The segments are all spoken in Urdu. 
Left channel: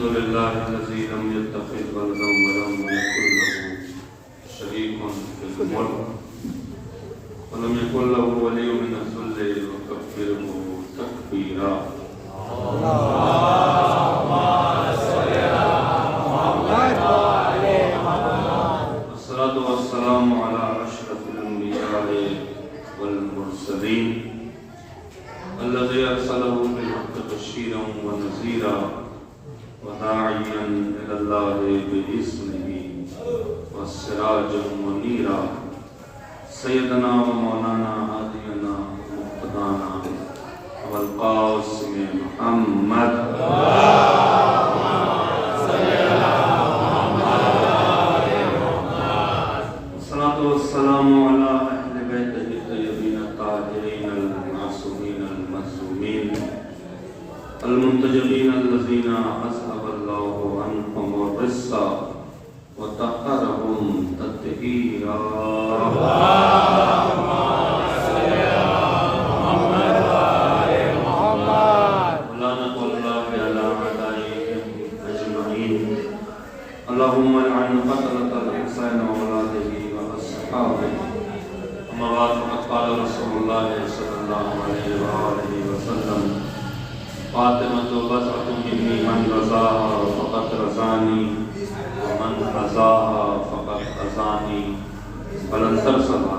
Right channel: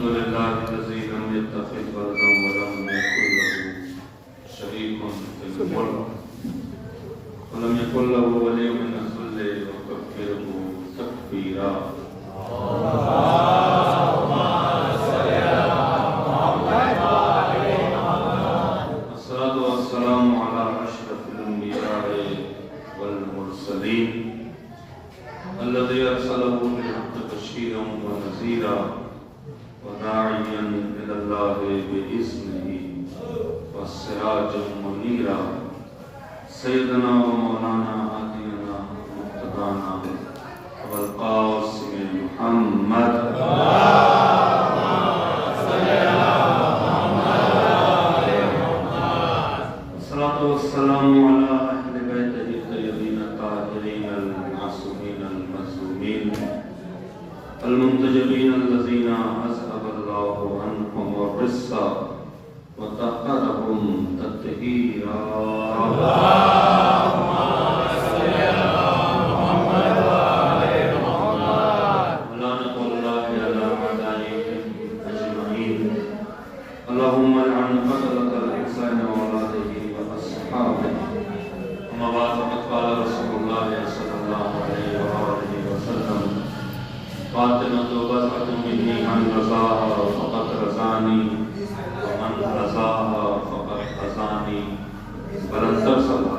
الحمد لله الذي لم يتخذ ولدا ولم يكن له شريك في الملك ولم يكن له ولي من الذل وكبره تكبيرا. الصلاة والسلام على أشرف الأنبياء والمرسلين الذي أرسله بالحق بشيرا ونذيرا وداعيا إلى الله بإذنه وسراجا منيرا سيدنا ومولانا هادينا مقتدانا والقاسم محمد الصلاة والسلام على أهل بيته الطيبين الطاهرين المعصومين المظلومين المنتجبين الذين أذهب الله عنهم الرجس وطهرهم تطهيرا. اللهم لعن قتلة الحسين وأولاده وأصحابه. أما بعد فقد قال رسول الله صلى الله عليه وآله وسلم فاطمة بضعة مني من رضاها فقد رضاني ومن رضاها فقد رضاني ولن ترسلها.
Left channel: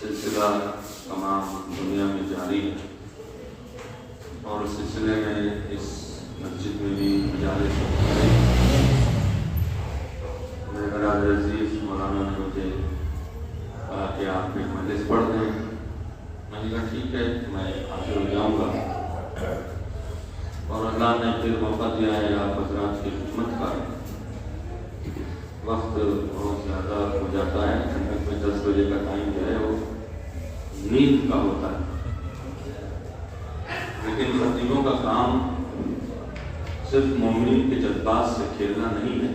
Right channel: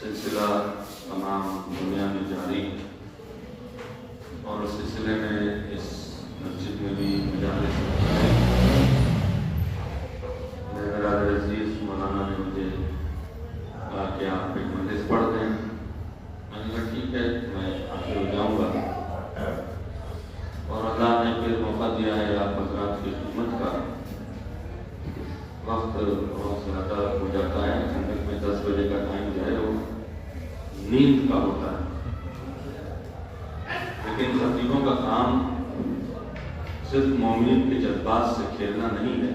سلسلہ تمام دنیا میں جاری ہے اور اس سلسلے میں اس مسجد میں بھی جاری ہے. میرا عزیز مولانا نے مجھے کہا کہ آپ ایک مجلس پڑھ دیں. میں نے کہا ٹھیک ہے میں حاضر ہو جاؤں گا اور اللہ نے پھر موقع دیا ہے آپ حضرات کی خدمت کا. وقت بہت زیادہ ہو جاتا ہے. 10 بجے کا ٹائم جو ہے وہ نیند کا ہوتا ہے لیکن خطیبوں کا کام صرف مومن کے جذبات سے کھیلنا نہیں ہے.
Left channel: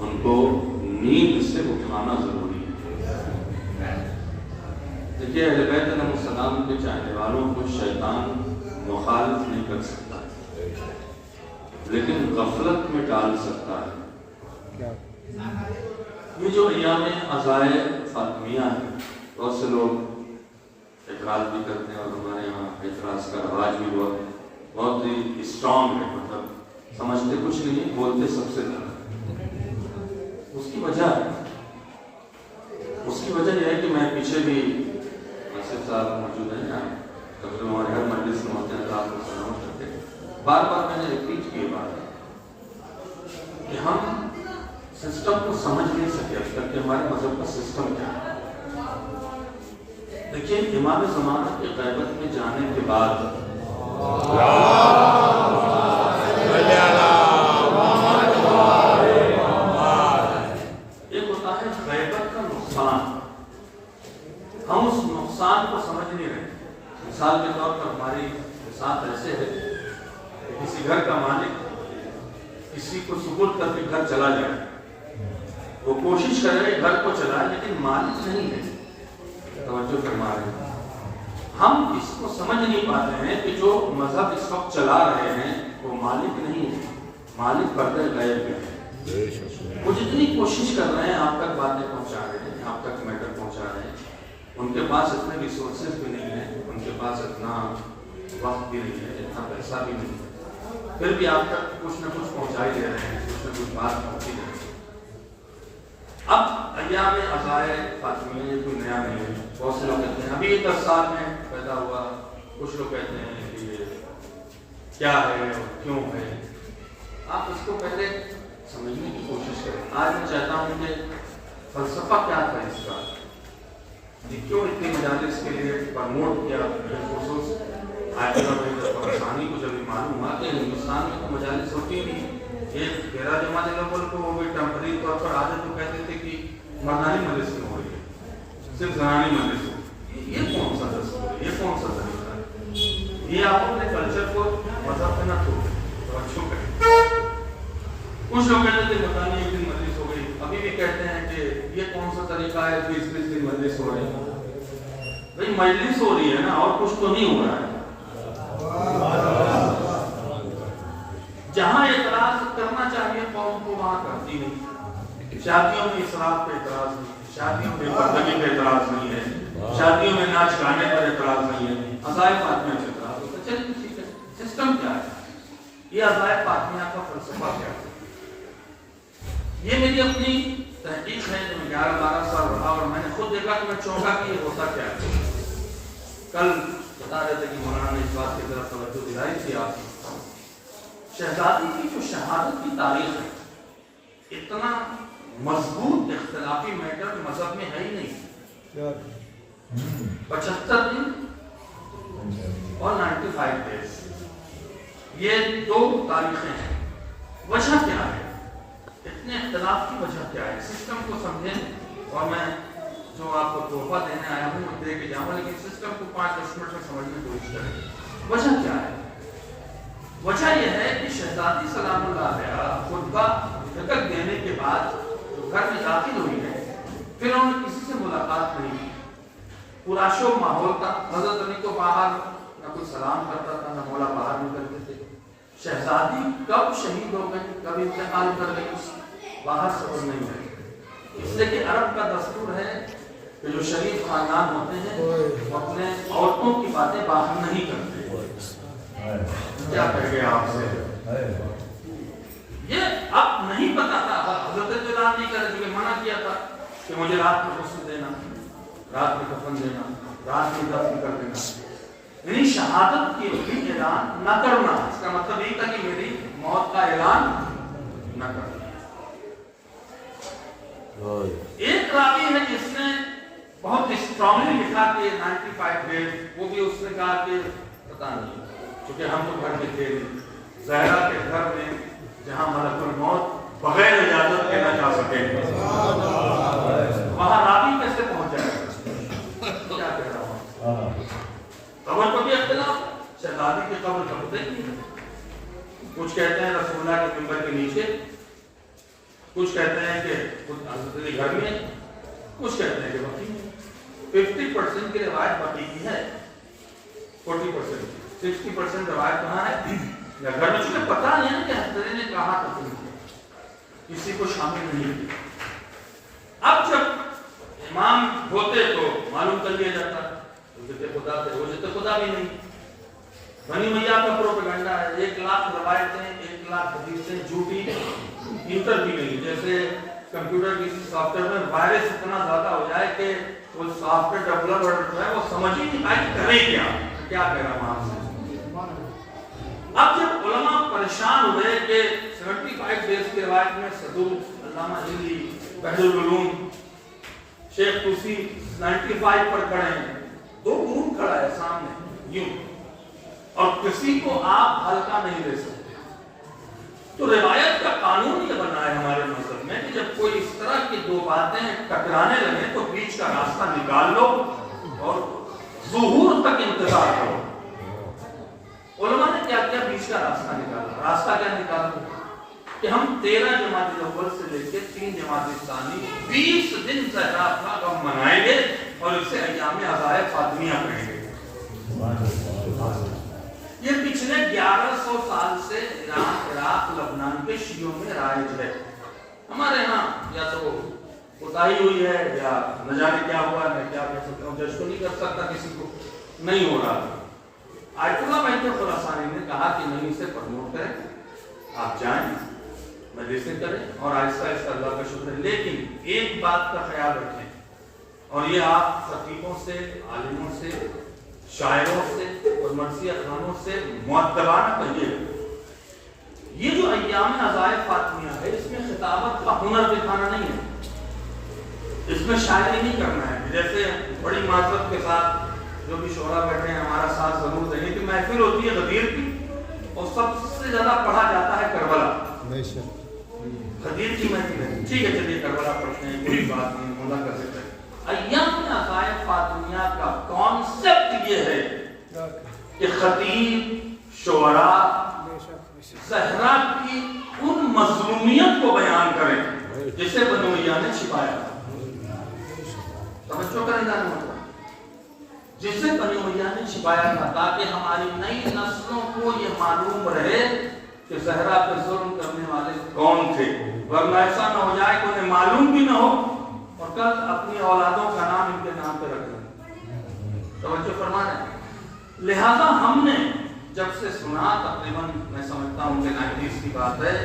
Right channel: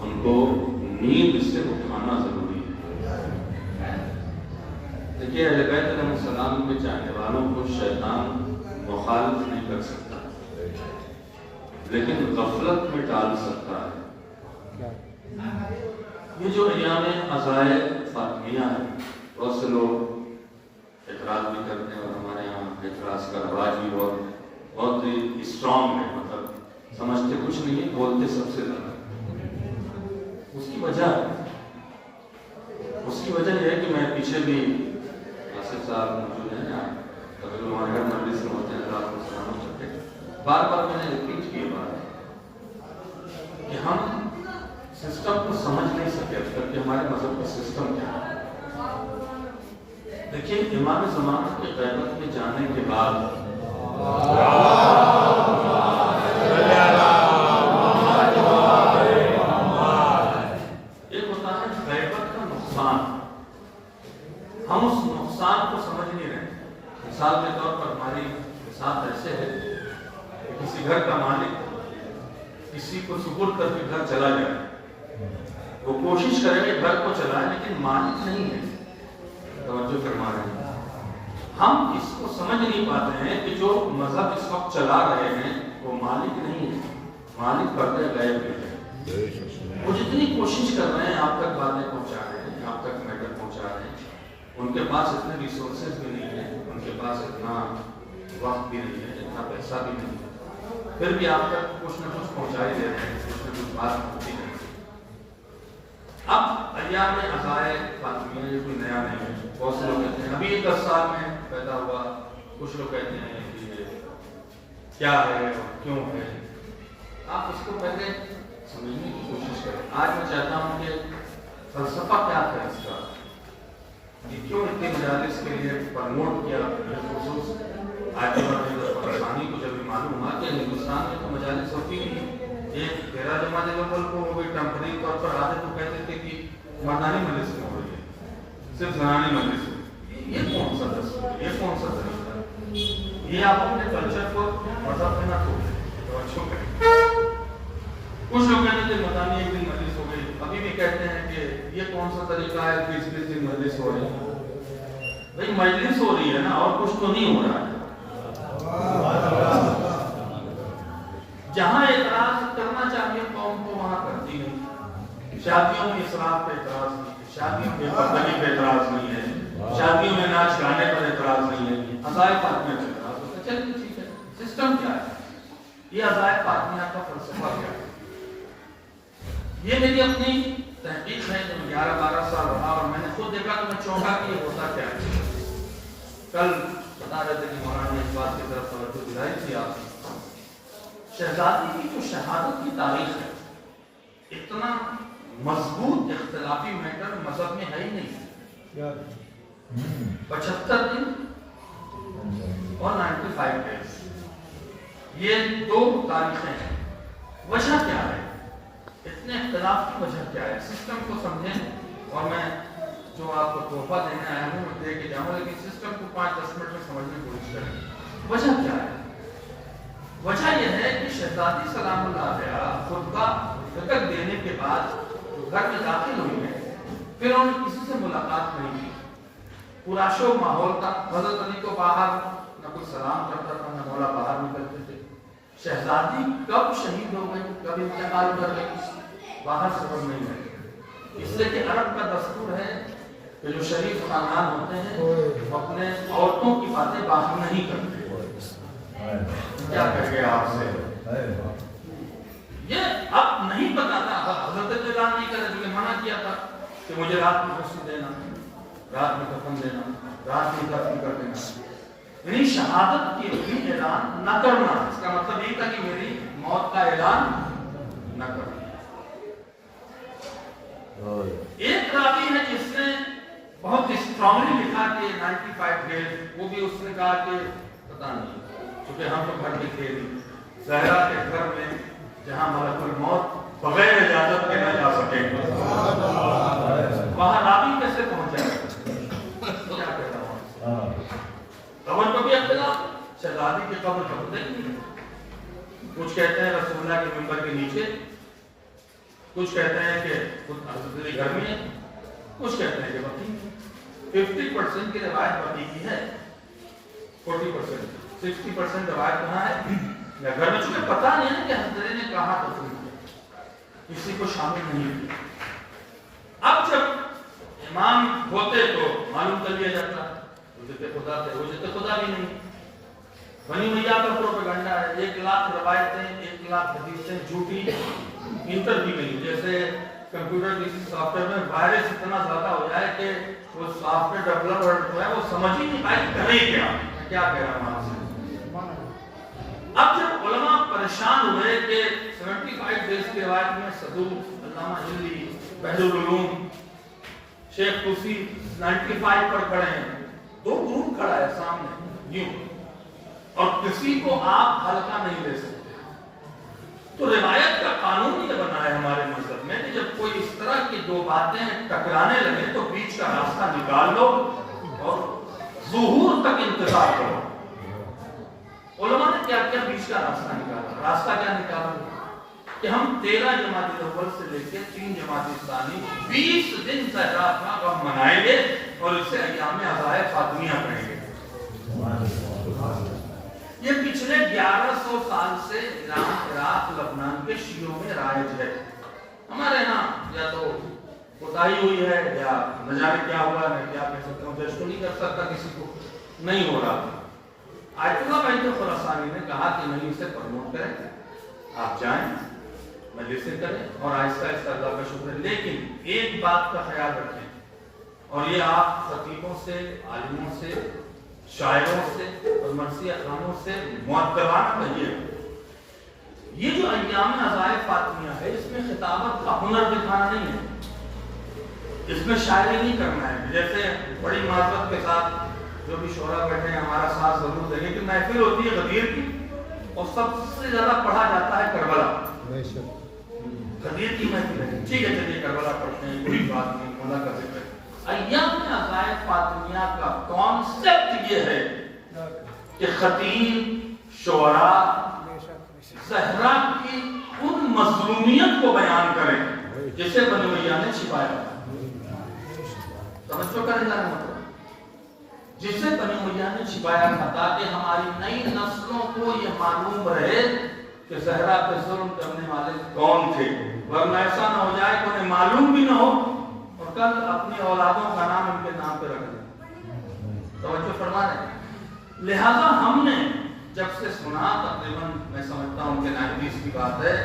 ان کو نیند سے اٹھانا ضروری ہے. دیکھیے اہل بیت علیہ السلام کے چاہنے والوں کو شیطان مخالف نہیں کر سکتا لیکن غفلت میں ڈال سکتا ہے. یہ جو ایام عزائے فاطمیہ ہے بہت سے لوگ اعتراض بھی کرتے ہیں اور ہمارے یہاں اعتراض کا رواج بھی بہت ہی اسٹرانگ ہے. مطلب سمجھتے کچھ نہیں ہے بولتے سب سے زیادہ. اس کی وجہ یہ ہے کہ میں پیچھے بھی آصف صاحب موجود ہیں یہاں کبھی ہمارے ہر مجلس میں ہوتے ہیں رات کو سلام کرتے ہیں. بار بار میں نے ریپیٹ کی بات ہے کہ ہم سسٹم کو سمجھ نہیں سکے اب تک کہ ہمارے مذہب کا سسٹم کیا ہے. دیکھیے امام زمانہ کے قیادت میں جانے کے بعد ایک ہوتا ہے غیبت کا نقصان. ہم اس نقصان کو سمجھ نہیں رہے. مثال کے طور پر ہماری ساتھ ایسے ہے کسی گھر کا مالک کسی کو سپرد کر کے گھر چلا جائے. وہ کوشش کرے گھر کو چلائے لیکن مالک نہیں ہے. توجہ فرمائے. ہم اس کو سمجھ نہیں پاتے ہیں کہ جو مذہب اس وقت چلا رہے ہیں وہ مالک نہیں ہے. مالک پردے غیب ہے. وہ جتنی کوشش کر رہے ہیں آپ تک باتیں پہنچا رہے ہیں آپ تک میٹر پہنچا رہے ہیں. ان کے پاس اتنے ریسورسز بھی نہیں ہیں. ان کے پاس اتنا وقت بھی نہیں ہے اتنا پیسہ بھی نہیں ہے. پھر بھی آپ تک کچھ نہ کچھ پہنچا ہی دے رہے ہیں. کچھ نہ کچھ بات پہنچی جائے. اب ایام عزائے فاطمیہ یہ کوئی نیا نہیں ہے. بہت سے لوگ کہتے ہیں ابھی 10 سال میں پیدا ہوا. کچھ لوگ کہتے ہیں کہ یہ کیا ہے کیوں ہے. آپ اس کو پہلے سمجھنے کی کوشش کریں. آج میں چاہتا ہوں کہ فلسفہ کیا تھا اس کا. کیوں اتنے مجالس کے لیے پرموٹ کیا خصوص آسانی کو جب معلوم ہوا کہ ہندوستان میں تو مجالس ہوتی نہیں، ایک تیرہ جماعت لوگوں کو وہ بھی ٹیمپرری طور پر آتے تو کہتے تھے کہ مردانی مجلس میں ہو رہی ہے، صرف زنانی مجلس میں، یہ کون سا دستور ہے، یہ کون سا طریقہ ہے؟ یہ آپ اپنے کلچر کو مذہب پہ نہ چھوڑیں، توجہ کریں۔ کچھ لوگ کہتے تھے مردانی ایک دن مجلس ہو گئی، ابھی بھی کہتے ہیں کہ یہ کون سا طریقہ ہے 20 دن مجلس ہو رہی ہے؟ بھائی مجلس ہو رہی ہے نا، اور کچھ تو نہیں ہو رہا ہے۔ جہاں اعتراض کرنا چاہیے قوم کو وہاں کرتی نہیں۔ شادیوں میں اسراف پہ اعتراض نہیں ہے، شادیوں میں پردگی پہ اعتراض نہیں ہے، شادیوں میں ناچ گانے پر اعتراض نہیں ہے، عزائے فاطمیہ پہ اعتراض ہوتا ہے۔ چلیے ٹھیک ہے، سسٹم کیا ہے؟ یہ عزائے فاطمیہ کا فلسفہ کیا ہے؟ یہ میری اپنی تحقیق ہے، جب 11-12 سال رہا اور میں نے خود دیکھا تو میں چونکا کہ یہ ہوتا کیا ہے۔ کل بتا رہے تھے کہ مولانا نے اس بات کی طرف توجہ دلائی تھی آپ کی، شہزادی کی جو شہادت کی تاریخ ہے، اتنا مضبوط اختلافی میٹر مذہب میں ہے ہی نہیں۔ 75 دن اور 95 ڈیز، یہ دو تاریخیں ہیں۔ وجہ کیا ہے؟ اتنے اختلاف کی وجہ کیا ہے؟ سسٹم کو سمجھیں، اور میں جو آپ کو تحفہ دینے آیا ہوں وہ دے کے جاؤں، لیکن سسٹم کو 5-10 منٹ میں سمجھنے کی کوشش کریں۔ وجہ کیا ہے؟ وجہ یہ ہے کہ شہزادی سلام اللہ علیہ خود کا فکر دینے کے بعد جو گھر میں داخل ہوئی ہے، پھر انہوں نے کسی سے ملاقات نہیں کی، پورا شو ماحول تھا۔ حضرت علی کو باہر نہ کوئی سلام کرتا تھا، نہ مولا باہر نکلتے تھے۔ شہزادی کب شہید ہو گئی، کب انتقال کر گئی، باہر خبر نہیں ہے، اس لیے کہ عرب کا دستور ہے کہ جو شریف خاندان ہوتے ہیں وہ اپنے عورتوں کی باتیں باہر نہیں کرتے۔ کیا کر گیا آپ سے؟ یہ اب نہیں پتا تھا، حضرت جلال نہیں کر رہے، منع کیا تھا کہ مجھے رات میں غسل دینا، رات میں کفن دینا، رات میں دفن کر دینا، یعنی شہادت کے لیے اعلان نہ کرنا۔ اس کا مطلب یہ تھا کہ میری موت کا اعلان نہ کرنا۔ ایک راوی ہے جس نے بہت اسٹرانگلی لکھا کہ 95 ڈیز، وہ بھی اس نے کہا کہ پتہ نہیں، چونکہ ہم تو گھر میں تھے زہرا کے گھر میں جہاں ملک الموت بغیر اجازت کے نہ جا سکے، وہاں راوی کیسے پہنچ جائے؟ کیا کہہ رہا ہوں؟ قبر کو بھی اختلاف، شہزادی کی قبر کب نہیں، کچھ کہتے ہیں رسول اللہ کے منبر کے نیچے، کچھ کہتے ہیں کہ خود حضرت علی گھر میں ہے، کچھ کہتے ہیں کہ بقی ہے۔ 50% کی روایت بقی کی ہے، 40%، 60% روایت کہاں ہے؟ گھر میں، چونکہ پتہ نہیں ہے کہ حضرت علی نے کہاں دفن کیا، کسی کو شامل نہیں کیا۔ اب جب امام ہوتے تو معلوم کر لیا جاتا، خدا تھے، حجت خدا بھی نہیں۔ بنی امیہ کا پروپیگنڈا ہے، 1 لاکھ روایتیں، 1 لاکھ حدیثیں جھوٹی، انٹر بھی نہیں۔ جیسے کمپیوٹر کسی سافٹ ویئر میں وائرس اتنا زیادہ ہو جائے کہ وہ سافٹ ویئر ڈیولپر جو ہے وہ سمجھ ہی نہیں پائے کرے کیا کہہ رہا ہوں آپ سے۔ اب جب علماء پریشان ہوئے کہ 75 ڈیز کی روایت میں صدوق علامہ ہلی، بحر العلوم، شیخ توسی 95 پر کھڑے ہیں، 2 گروپ کھڑا ہے سامنے یوں، اور کسی کو آپ ہلکا نہیں لے سکتے۔ تو روایت کا قانون یہ بنا ہے ہمارے مذہب میں کہ جب کوئی اس طرح کی 2 باتیں ٹکرانے لگے تو بیچ کا راستہ نکال لو اور ظہور تک انتظار کرو۔ علماء نے کیا کیا؟ بیچ کا راستہ نکالا۔ راستہ کیا نکالا؟ کہ ہم 13 جمادی الاول سے لے کے 3 جمادی ثانی 20 دن زہرا کا غم منائیں گے اور اسے ایام عزائے فاطمیہ کہیں گے۔ یہ پچھلے 1100 سال سے ایران، عراق، لبنان کے شیعوں میں رائج ہے۔ ہمارے ہاں یا تو کوتاہی ہوئی ہے یا نہ جانے کیا ہوا ہے، میں کیا کہہ سکتا ہوں، جج تو نہیں کر سکتا کسی کو، نہیں ہو رہا۔ آیت اللہ بیت خراسانی نے کہا کہ نہیں اسے پروموٹ کریں، آپ جائیں مجلسیں کریں اور آہستہ آہستہ اللہ کا شکر ہے، لیکن ایک بات کا خیال رکھیں، اور یہ آپ خطیبوں سے، عالموں سے، شاعروں سے اور مرثیہ خانوں سے مؤدبانہ کہیے، یہ جو ایام عزائے فاطمیہ ہے اس میں خطابت کا ہنر دکھانا نہیں ہے، اس میں شاعری نہیں کرنا ہے. جیسے بڑی معذرت کے ساتھ جو بھی شعراء بیٹھے ہیں ہمارا ساتھ ضرور دیں گے کہ محفل ہوتی ہے غدیر کی اور سب سے زیادہ پڑھا جاتا ہے کربلا. غدیر کی محفل ہے, ٹھیک ہے چلیے کربلا پڑھتے ہیں, کوئی بات نہیں, مولا کا ذکر. ایام عزائے فاطمیہ کا کانسیپٹ یہ ہے کہ خطیب شعراء زہرا کی ان مظلومیت کو بیان کریں جسے بنو امیہ نے چھپایا. توجہ کریں جانا مطلب جسے بنو امیہ نے چھپایا تھا تاکہ ہماری نئی نسلوں کو یہ معلوم رہے کہ زہرا پہ ظلم کرنے والے کون تھے, ورنہ ایسا نہ ہو جائے کہ انہیں معلوم بھی نہ ہو اور کل اپنی اولادوں کا نام ان کے نام پہ رکھ دیں. توجہ فرما رہے ہیں. لہذا ہم نے جب سے سنا, تقریباً میں سمجھتا ہوں کہ 90s کی بات ہے,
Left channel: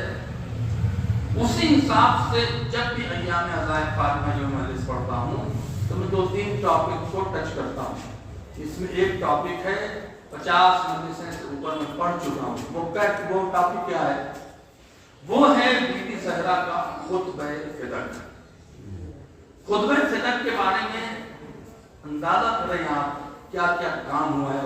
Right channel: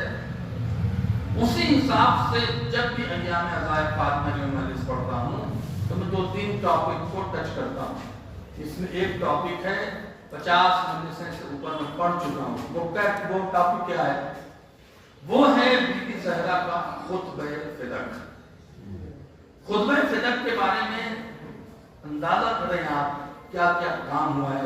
اسی حساب سے جب بھی ایام عزائے فاطمیہ جو مجلس پڑھتا ہوں تو میں 2-3 ٹاپک کو ٹچ کرتا ہوں. اس میں ایک ٹاپک ہے 50 مجلسیں سے اوپر میں پڑھ چکا ہوں. وہ ٹاپک کیا ہے؟ وہ ہے بی بی زہرا کا خطبہ فدق. خطبہ فدق کے بارے میں اندازہ کریں آپ کیا کیا کام ہوا ہے.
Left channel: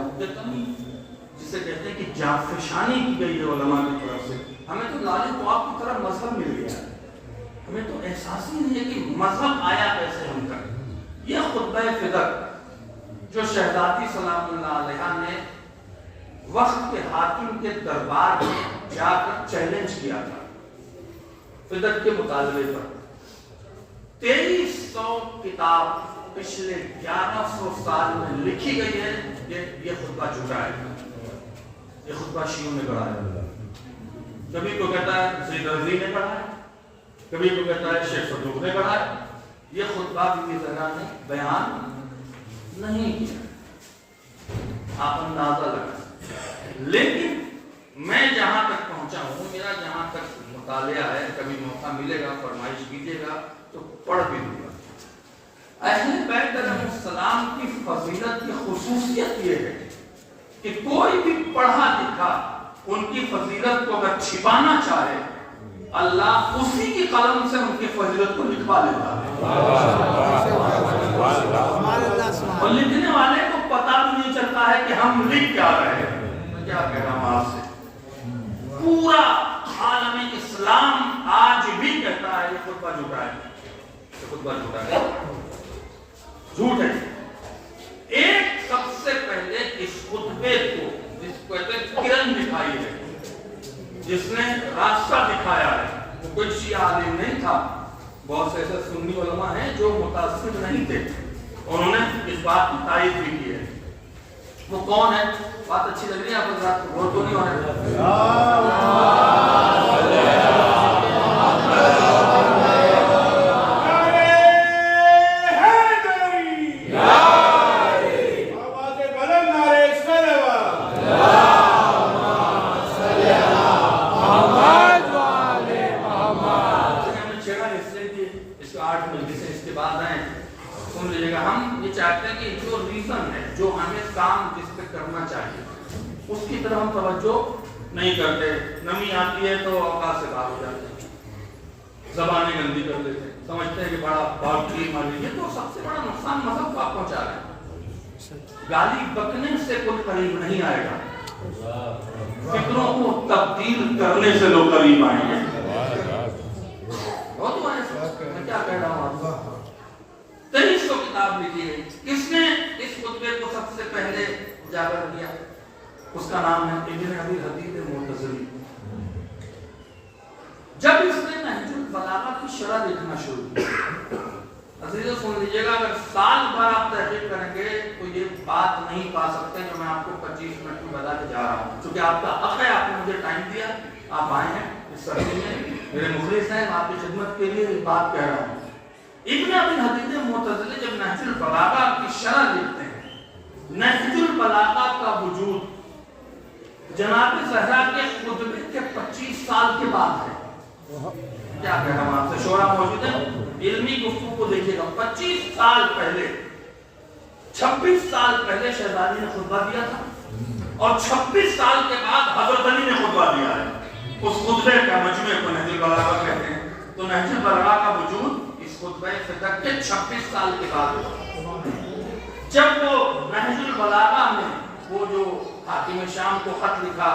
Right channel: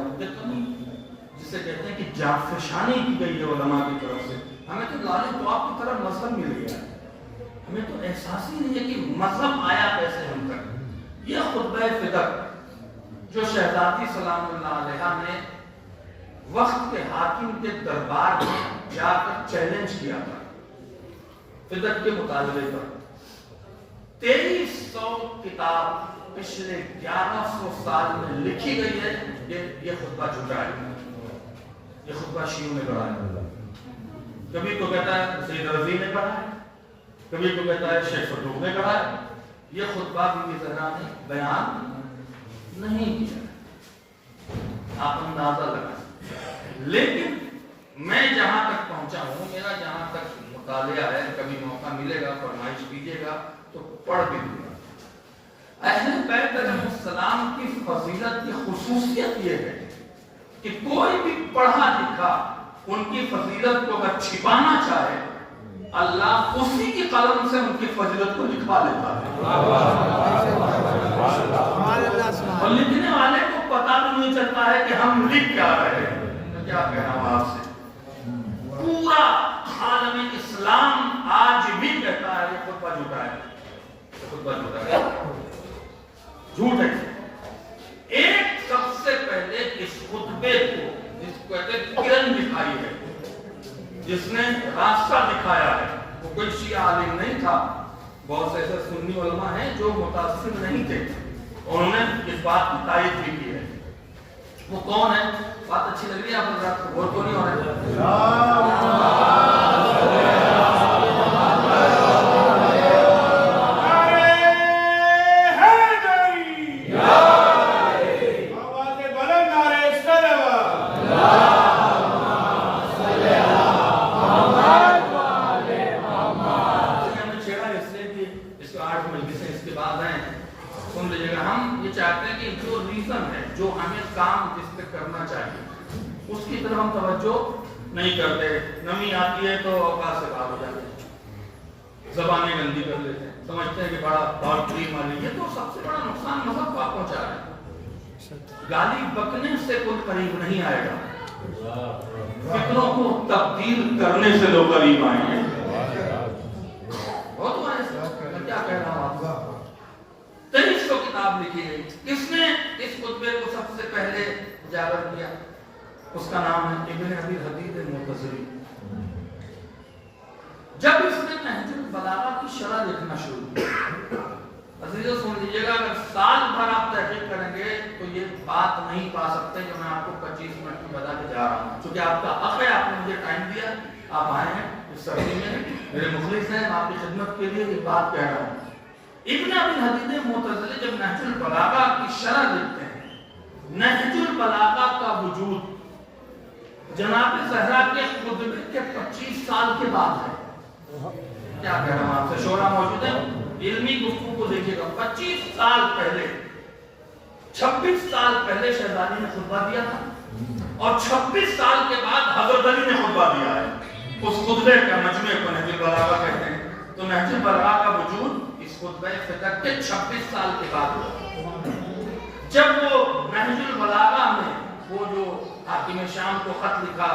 جسے کہتے ہیں کہ جافشانی کی گئی ہے علماء کی طرف سے. ہمیں تو لالے خواب کی طرف مذہب مل گیا, ہمیں تو احساس ہی نہیں ہے کہ مذہب آیا کیسے ہم تک. یہ خطبہ فدق جو شہزادی سلام اللہ علیہ نے وقت کے حاکم کے دربار میں جا کر چیلنج کیا تھا فدق کے مطالبے پر. 2300 کتاب پچھلے 1100 سال میں لکھی گئی ہے. یہ خطبہ جھوٹا ہے, یہ خطبہ شیعوں نے گڑھا ہے. کبھی کو کہتا ہے سید رضی نے گڑھا ہے, کبھی کو کہتا ہے شیخ صدوق نے گڑھا ہے. یہ خطبہ بی بی زہرا نے بیان نہیں کیا, آپ اندازہ لگا. لیکن میں جہاں تک پہنچا ہوں, میرا جہاں تک مطالعہ ہے, کبھی موقع ملے گا فرمائش کیجیے گا تو پڑھ بھی دوں گا. اہل بیت علیہ السلام کی فضیلت کی خصوصیت یہ ہے کہ کوئی بھی پڑھا لکھا ان کی فضیلت کو اگر چھپانا چاہے اللہ اسی کی قلم سے ان کی فضیلت کو لکھوا لیتا ہے. اور لکھنے والے کو پتہ بھی نہیں چلتا ہے کہ ہم لکھ کیا رہے ہیں. میں کیا کہہ رہا ہوں آپ سے, پورا عالم اسلام آج بھی کہتا ہے یہ خطبہ جھوٹا ہے, یہ خطبہ جھوٹا ہے, جھوٹ ہے. ایک سب سے پہلے اس خطبے کو جس کو کہتے ہیں کرن دکھائی ہے, جس نے راستہ دکھایا ہے, وہ کوئی شیعہ عالم نہیں تھا. بہت سے ایسے سنی علماء ہیں جو متاثر نہیں تھے, انہوں نے اس بات کی تائید بھی کی ہے. وہ کون ہے؟ بات اچھی لگ رہی ہے آپ حضرات کو, غور تو نہیں ہو رہا. سن لیجیے گا, ہم یہ چاہتے ہیں کہ جو ریزن ہے, جو ہمیں کام جس پہ کرنا چاہیے, اس کی طرف ہم توجہ نہیں کرتے. نمی آتی ہے تو اوقات سے باہر ہو جاتے ہیں, زبانیں گندی کر لیتے ہیں, سمجھتے ہیں کہ بڑا بہت ٹریٹ مار لیجیے. تو سب سے بڑا نقصان مذہب کو آپ پہنچا رہے ہیں. گالی بکنے سے کوئی قریب نہیں آئے گا, فکروں کو تبدیل کرنے سے لوگ قریب آئیں گے. میں کیا کہہ رہا ہوں آپ کو, 2300 کتاب لکھی ہے. کس نے اس خطبے کو سب سے پہلے اجاگر کیا؟ اس کا نام ہے ابن ابی الحدید المعتزلی. جب اس نے نہج البلاغہ کی شرح لکھنا شروع کیا, عزیزو سن لیجیے گا, اگر سال بھر آپ تحقیق کریں گے تو یہ بات نہیں پا سکتے جو میں آپ کو 25 منٹ میں بتا کے جا رہا ہوں. چونکہ آپ کا حق ہے, آپ نے مجھے ٹائم دیا, آپ آئے ہیں اس سردی میں, میرے مخلص ہیں, آپ کی خدمت کے لیے یہ بات کہہ رہا ہوں. ابن ابی الحدید معتزلی جب نہج البلاغہ کی شرح لکھتے ہیں, نہج البلاغہ کا وجود جناب زہرا کے خطبے کے 25 سال کے بعد ہے. کیا کہہ رہا ہوں آپ سے, شورا موجود ہے, علمی گفتگو کو دیکھیے گا. 25 سال پہلے, 26 سال پہلے شہزادی نے خطبہ دیا تھا, اور 26 سال کے بعد حضرت علی نے خطبہ دیا ہے. اس خطبے کا مجموعے کو نہج البلاغہ کہتے ہیں. تو نہج البلاغہ کا وجود اس خطبہ فدق ہجرت کے 26 سال کے بعد ہوا، جب وہ نہج البلاغہ میں وہ جو حاکم شام کو خط لکھا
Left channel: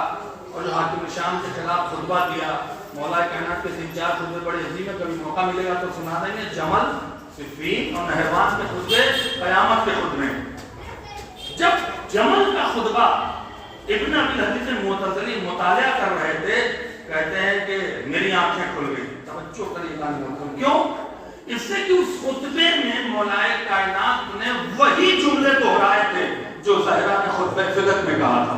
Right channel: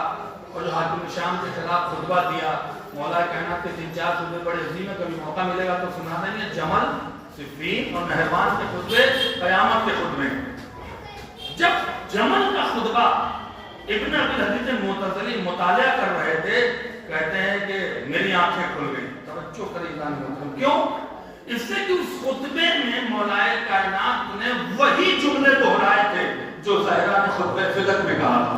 اور جو حاکم شام کے خلاف خطبہ دیا، مولا کائنات کے 3-4 خطبے بڑے عظیم ہیں، کبھی موقع ملے گا تو سنا دیں گے، جمل، صفین اور نہروان کے خطبے قیامت کے خطبے۔ جب جمل کا خطبہ ابن ابی الحدیث المعتزلی مطالعہ کر رہے تھے، کہتے ہیں کہ میری آنکھیں کھل گئی۔ توجہ کریں گا، کیوں؟ اس سے کہ اس خطبے میں مولا کائنات نے وہی جملے دہرائے تھے جو زہرا نے خطبہ فدق میں کہا تھا۔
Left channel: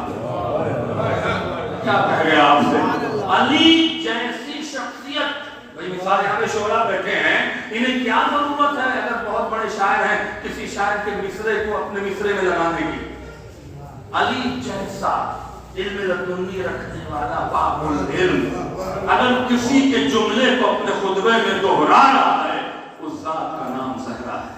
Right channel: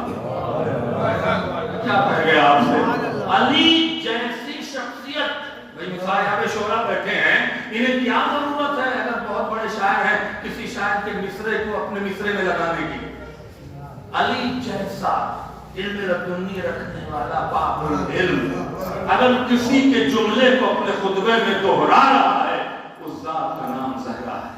کیا کہہ گیا آپ سے؟ علی جیسی شخصیت، بھئی مثال یہاں پہ شعراء بیٹھے ہیں، انہیں کیا ضرورت ہے اگر بہت بڑے شاعر ہیں کسی شاعر کے مصرے کو اپنے مصرے میں لگانے کی؟ علی جیسا علم لدنی رکھنے والا باب العلم اگر کسی کے جملے کو اپنے خطبے میں دہرا رہا ہے، اس ذات کا نام زہرا ہے۔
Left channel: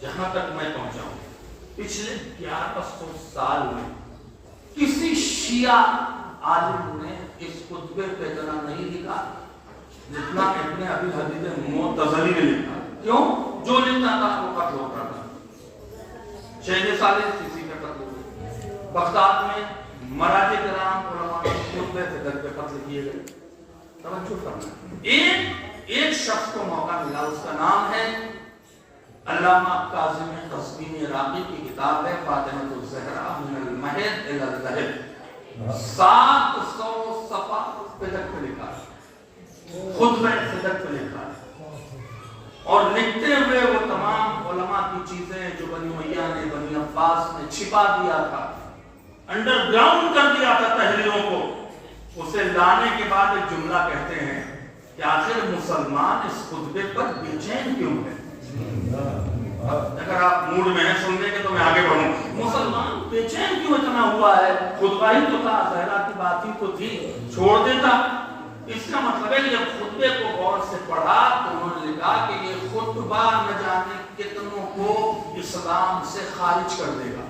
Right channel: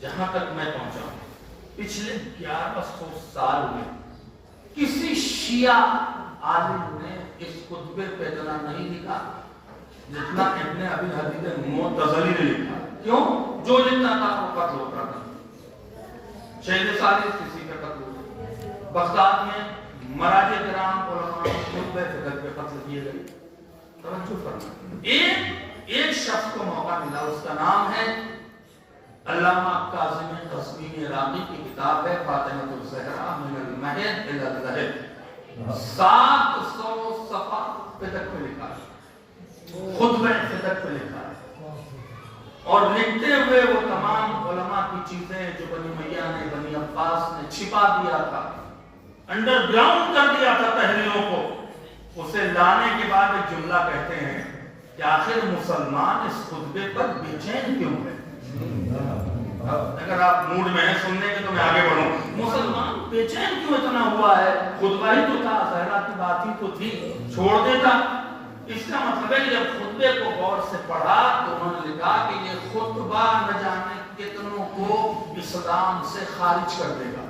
جہاں تک میں پہنچا ہوں پچھلے 1100 سال میں کسی شیعہ عالم نے اس خطبے پہ اتنا نہیں لکھا جتنا ابن ابی الحدیث معتزلی نے لکھا۔ کیوں؟ جو لکھتا تھا وہ قتل ہوتا تھا۔ شہید ثالث کسی کا قتل ہوا، بغداد میں مراجع کرام علماء خطبے فدق پہ قتل کیے گئے۔ توجہ فرمائیں، ایک شخص کو موقع ملا، اس کا نام ہے علامہ کاظم قزوینی عراقی کی کتاب ہے فاطمۃ الزہرا من المہد الی اللحد، 700 صفحہ فدق کو لکھا ہے، خطبہ فدق کو لکھا ہے، اور لکھتے ہوئے وہ تمام علماء کی چیزیں جو بنی امیہ نے بنی عباس نے چھپا دیا تھا، انڈر گراؤنڈ کر دیا تھا تحریروں کو، اسے لانے کے بعد ایک جملہ کہتے ہیں کہ آخر مسلمان اس خطبے پر بے چین کیوں ہے؟ اگر آپ موڈ میں ہیں سننے کے تو میں آگے بڑھوں، مسلمان بے چین کیوں اتنا ہوا ہے؟ خطبہ ہی تو تھا، زہرا کی بات ہی تو تھی، چھوڑ دیتا۔ اس کا مطلب ہے کہ جب خطبے کو غور سے پڑھا تو انہوں نے لکھا کہ یہ خطبہ نہ جانے کتنوں کو اسلام سے خارج کر دے گا۔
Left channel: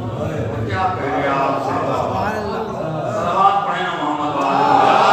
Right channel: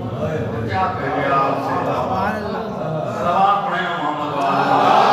اور کیا کہہ گیا آپ سے؟ صلوات پڑھیں نا محمد وآلہ۔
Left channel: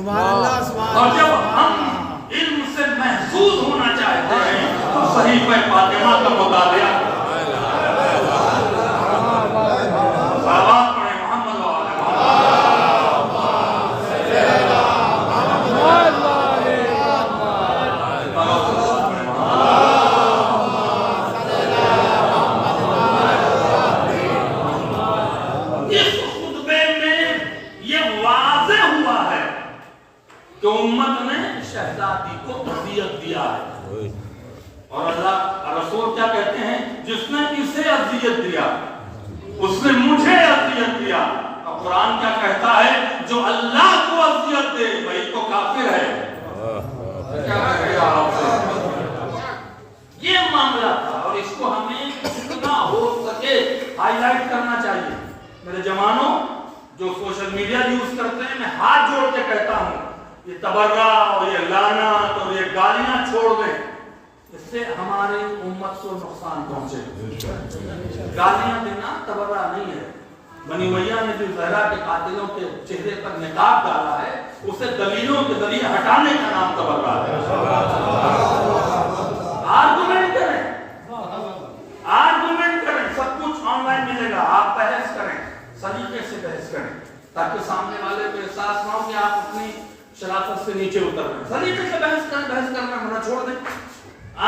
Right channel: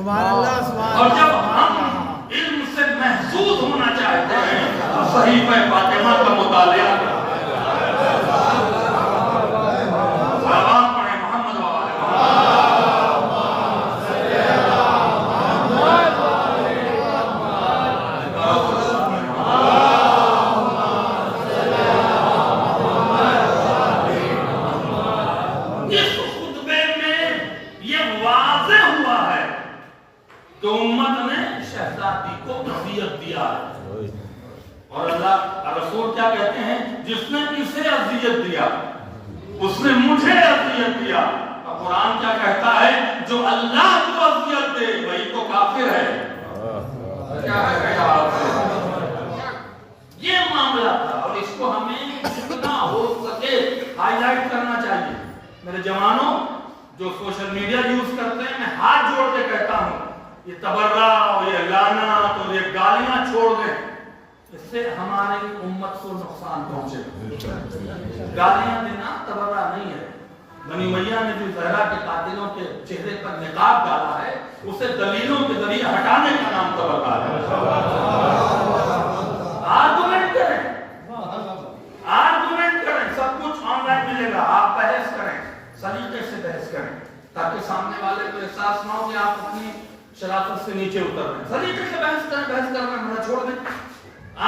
اور جب ہم علم صحیفہ فاطمہ کا مطالعہ صلوات پڑھیں محمد اس خطبے میں یہ واضح ہوا ہے کہ امت نے شہزادی کو اذیت دیا ہے، اور اللہ رسول کیا کہتے ہیں؟ جس نے اسے اذیت دیا اس نے مجھے اذیت دیا۔ اور قرآن کیا کہتا ہے؟ جو اللہ کو اذیت دے وہی تو کافر ہے۔ یہ معاملہ تھا، اور اس کو ہمیں جتنا ہو سکے ہائی لائٹ کرنا چاہیے۔ میرے جوانوں جو سوشل میڈیا یوز کرتے ہیں، میں ہاتھ جوڑ کے کہتا ہوں یہ تبرہ اور یہ لعنت اور یہ گالیاں چھوڑ دیں، اس سے ہماری امت کو نقصان پہنچے۔ گالیاں دینا تبرہ نہیں ہے۔ بنی امیہ نے جو زہرا کے قاتلوں کے چہرے پر نقاب ڈالا ہے اسے دلیلوں کے ذریعے ہٹانے کا نام تبرہ ہے۔ آرگومنٹ کریں، سب کچھ آن لائن ملے گا، آپ بحث کریں، سلیقے سے بحث کریں، تاکہ سامنے والے کو احساس نہ ہو کہ آپ اپنی شرافت سے نیچے اتر رہے ہیں۔ سلیقے سے بحث کریں، بحث کرنا ہونا چھوڑ دیں۔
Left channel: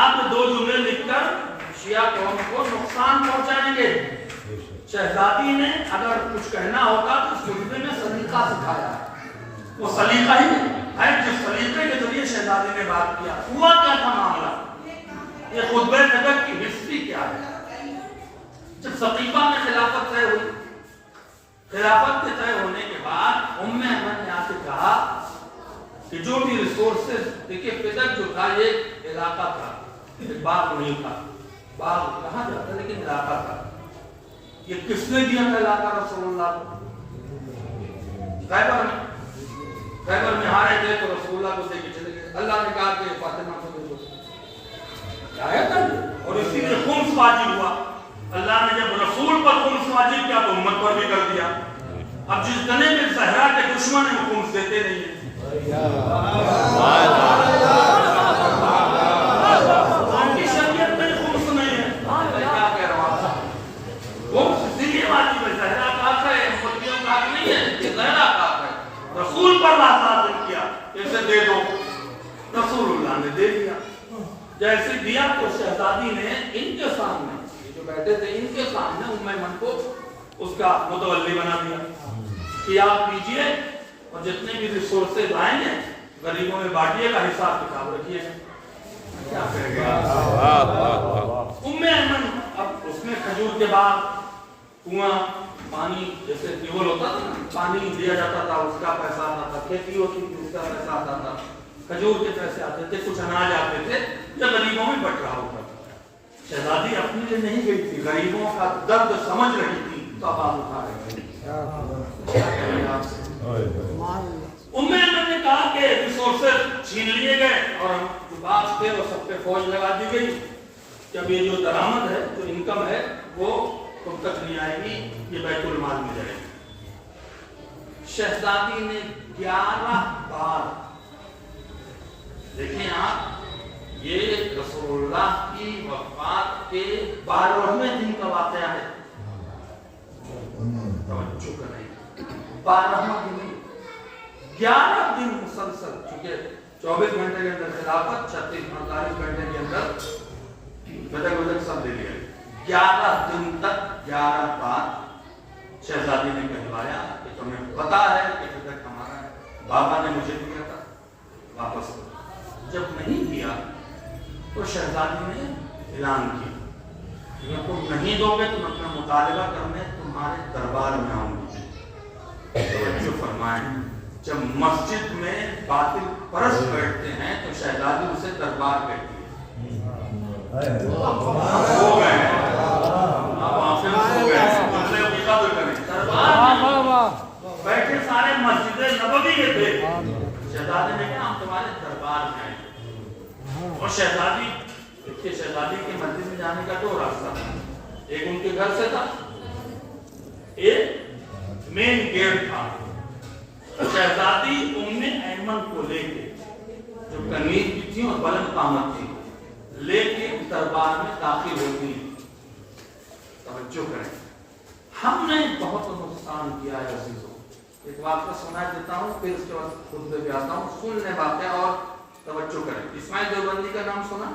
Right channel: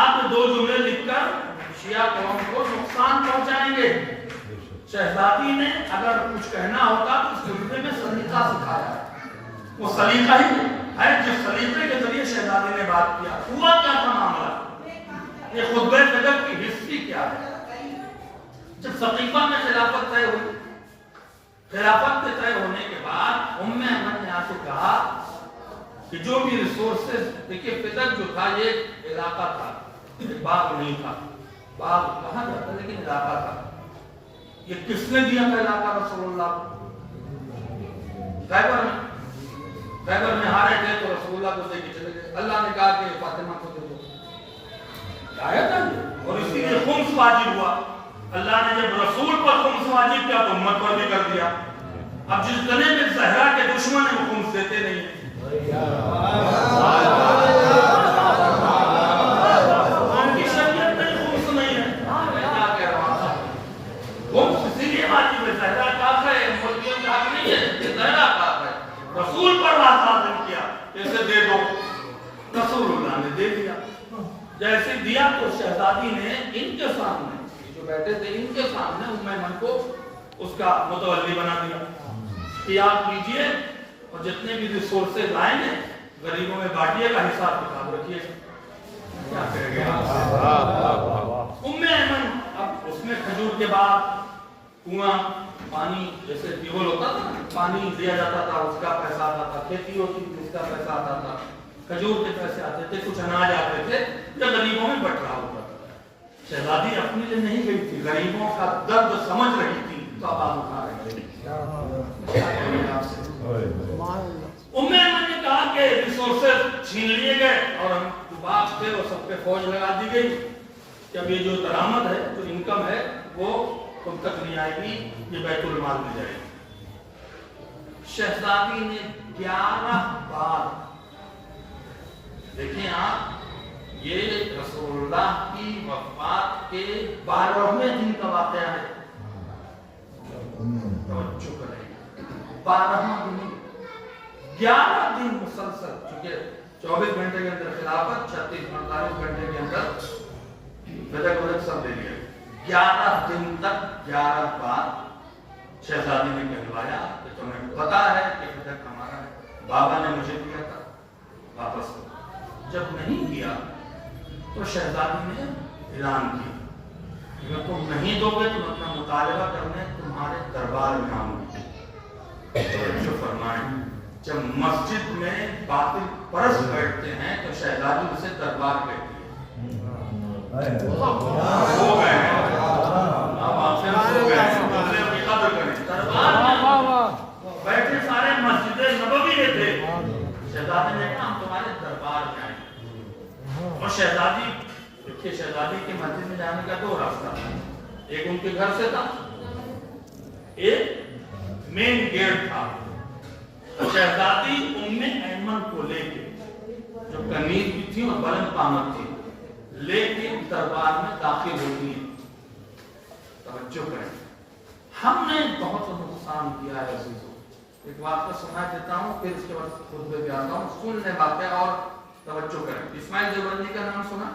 آپ دو جملے لکھ کر شیعہ قوم کو نقصان پہنچائیں گے۔ شہزادی نے اگر کچھ کہنا ہوتا تو اس خطبے میں سلیقہ سکھایا، وہ سلیقہ ہی ہے جس سلیقے کے ذریعے شہزادی نے بات کیا۔ ہوا کیا تھا معاملہ؟ یہ خطبہ صدر کی ہسٹری کیا ہے؟ جب سقیفہ میں خلافت طے ہوئی، خلافت کے طے ہونے کے بعد ام ایمن نے آ کے کہا کہ جو بھی ریسورسز، دیکھیے فدق جو تھا یہ علاقہ تھا، ایک باغ نہیں تھا، باغ کہا جاتا لیکن علاقہ تھا۔ یہ کس نے دیا تھا علاقہ رسول اللہ کو؟ خیبر میں ہارے تھے تو رسول اللہ کو دے کے چلے گئے، اللہ نے کہا کہ فاطمہ کو دے دو، اور اسی لیے خمس واجب ہوا۔ اللہ نے جب رسول پر خمس واجب کیا تو امت پر بھی کر دیا۔ اب جس گنے میں زہرا کے دشمن ہیں وہ خمس دیتے نہیں ہیں۔ کی شریعت میں خمس نہیں ہے، میں کیا کہہ رہا ہوں؟ خمس اسی لیے واجب ہے، زہرا کا حق ہے، ملکیوں کا حق نہیں ہے، یہ زہرا کا حق ہے۔ رسول پر بات نازل کیا اسے دے دو، رسول اللہ نے دے دیا۔ جیسے دیا تو شہزادی نے ان کے سامنے جو بیٹھے تھے ان کے سامنے ام ایمن کو اس کا متولی بنا دیا کہ آپ لیجئے اور جتنے بھی ریسورسز آئیں گے غریبوں میں بانٹیے گا، حساب کتاب رکھیے گا۔ کیا کہے گا ام ایمن؟ اب اس میں کھجور کے بعد کنواں پانی جیسے ٹیوبل ہوتا تھا، پانی دیا جاتا تھا، اس کا پیسہ آتا تھا، کھیتی ہوتی تھی اس کا پیسہ آتا تھا، کھجور کے پیسے آتے تھے، کچھ اناج آتے تھے جو غریبوں میں بٹ رہا ہوتا تھا۔ شہزادی اپنی لیے نہیں گئی تھی، غریبوں کا درد سمجھ رہی تھی تو اب آپ اٹھا رہے ہیں۔ ام ایمن نے کہا کہ ریسورسز چھین لیے گئے اور ہم جو باغ تھے وہ سب پہ فوج لگا دی گئی کہ اب یہ جو درآمد ہے، جو انکم ہے وہ تم تک نہیں آئے گی، یہ بیت المال میں جائے گی۔ شہزادی نے 11 بار، دیکھیں آپ، یہ رسول اللہ کی وفات کے 12ویں دن کا واقعہ ہے، توجہ کریں، 12واں دن، 11 دن مسلسل، چونکہ 24 گھنٹے کے اندر خلافت، 36-48 گھنٹے کے اندر بدک سب دے دیا، 11 دن تک 11 بار شہزادی نے کہلوایا کہ تمہیں پتا ہے کہ بدک ہمارا بابا نے مجھے دیا تھا، واپس کرو۔ جب نہیں کیا تو شہزادی نے اعلان کیا اگر تم نہیں دو گے تو میں اپنا مطالبہ کرنے تمہارے دربار میں آؤں گی۔ توجہ فرمائیں، جب مسجد میں باطل پرست بیٹھتے ہیں تو شہزادی اسے دربار کہتی ہے۔ ہو گئے دربار میں بیٹھے سارے مسجد نبوی میں تھے، شہزادی نے کہا ہم تمہارے دربار میں آئیں۔ اور شہزادی، دیکھیے شہزادی کے مسجد میں جانے کا 2 راستہ تھا، ایک ان کے گھر سے تھا، ایک مین گیٹ تھا۔ شہزادی ام ایمن کو لے کے جو کنیز بھی تھی اور بلند قامت تھی، لیکن دربار میں داخل ہوتی ہیں. توجہ کریں, ہم نے بہت نقصان کیا ہے عزیزوں. ایک بات کو سنا دیتا ہوں, پھر اس کے بعد خطبے پہ آتا ہوں. سننے باتیں اور توجہ کریں. اسماعیل دیوبندی کا نام سنا؟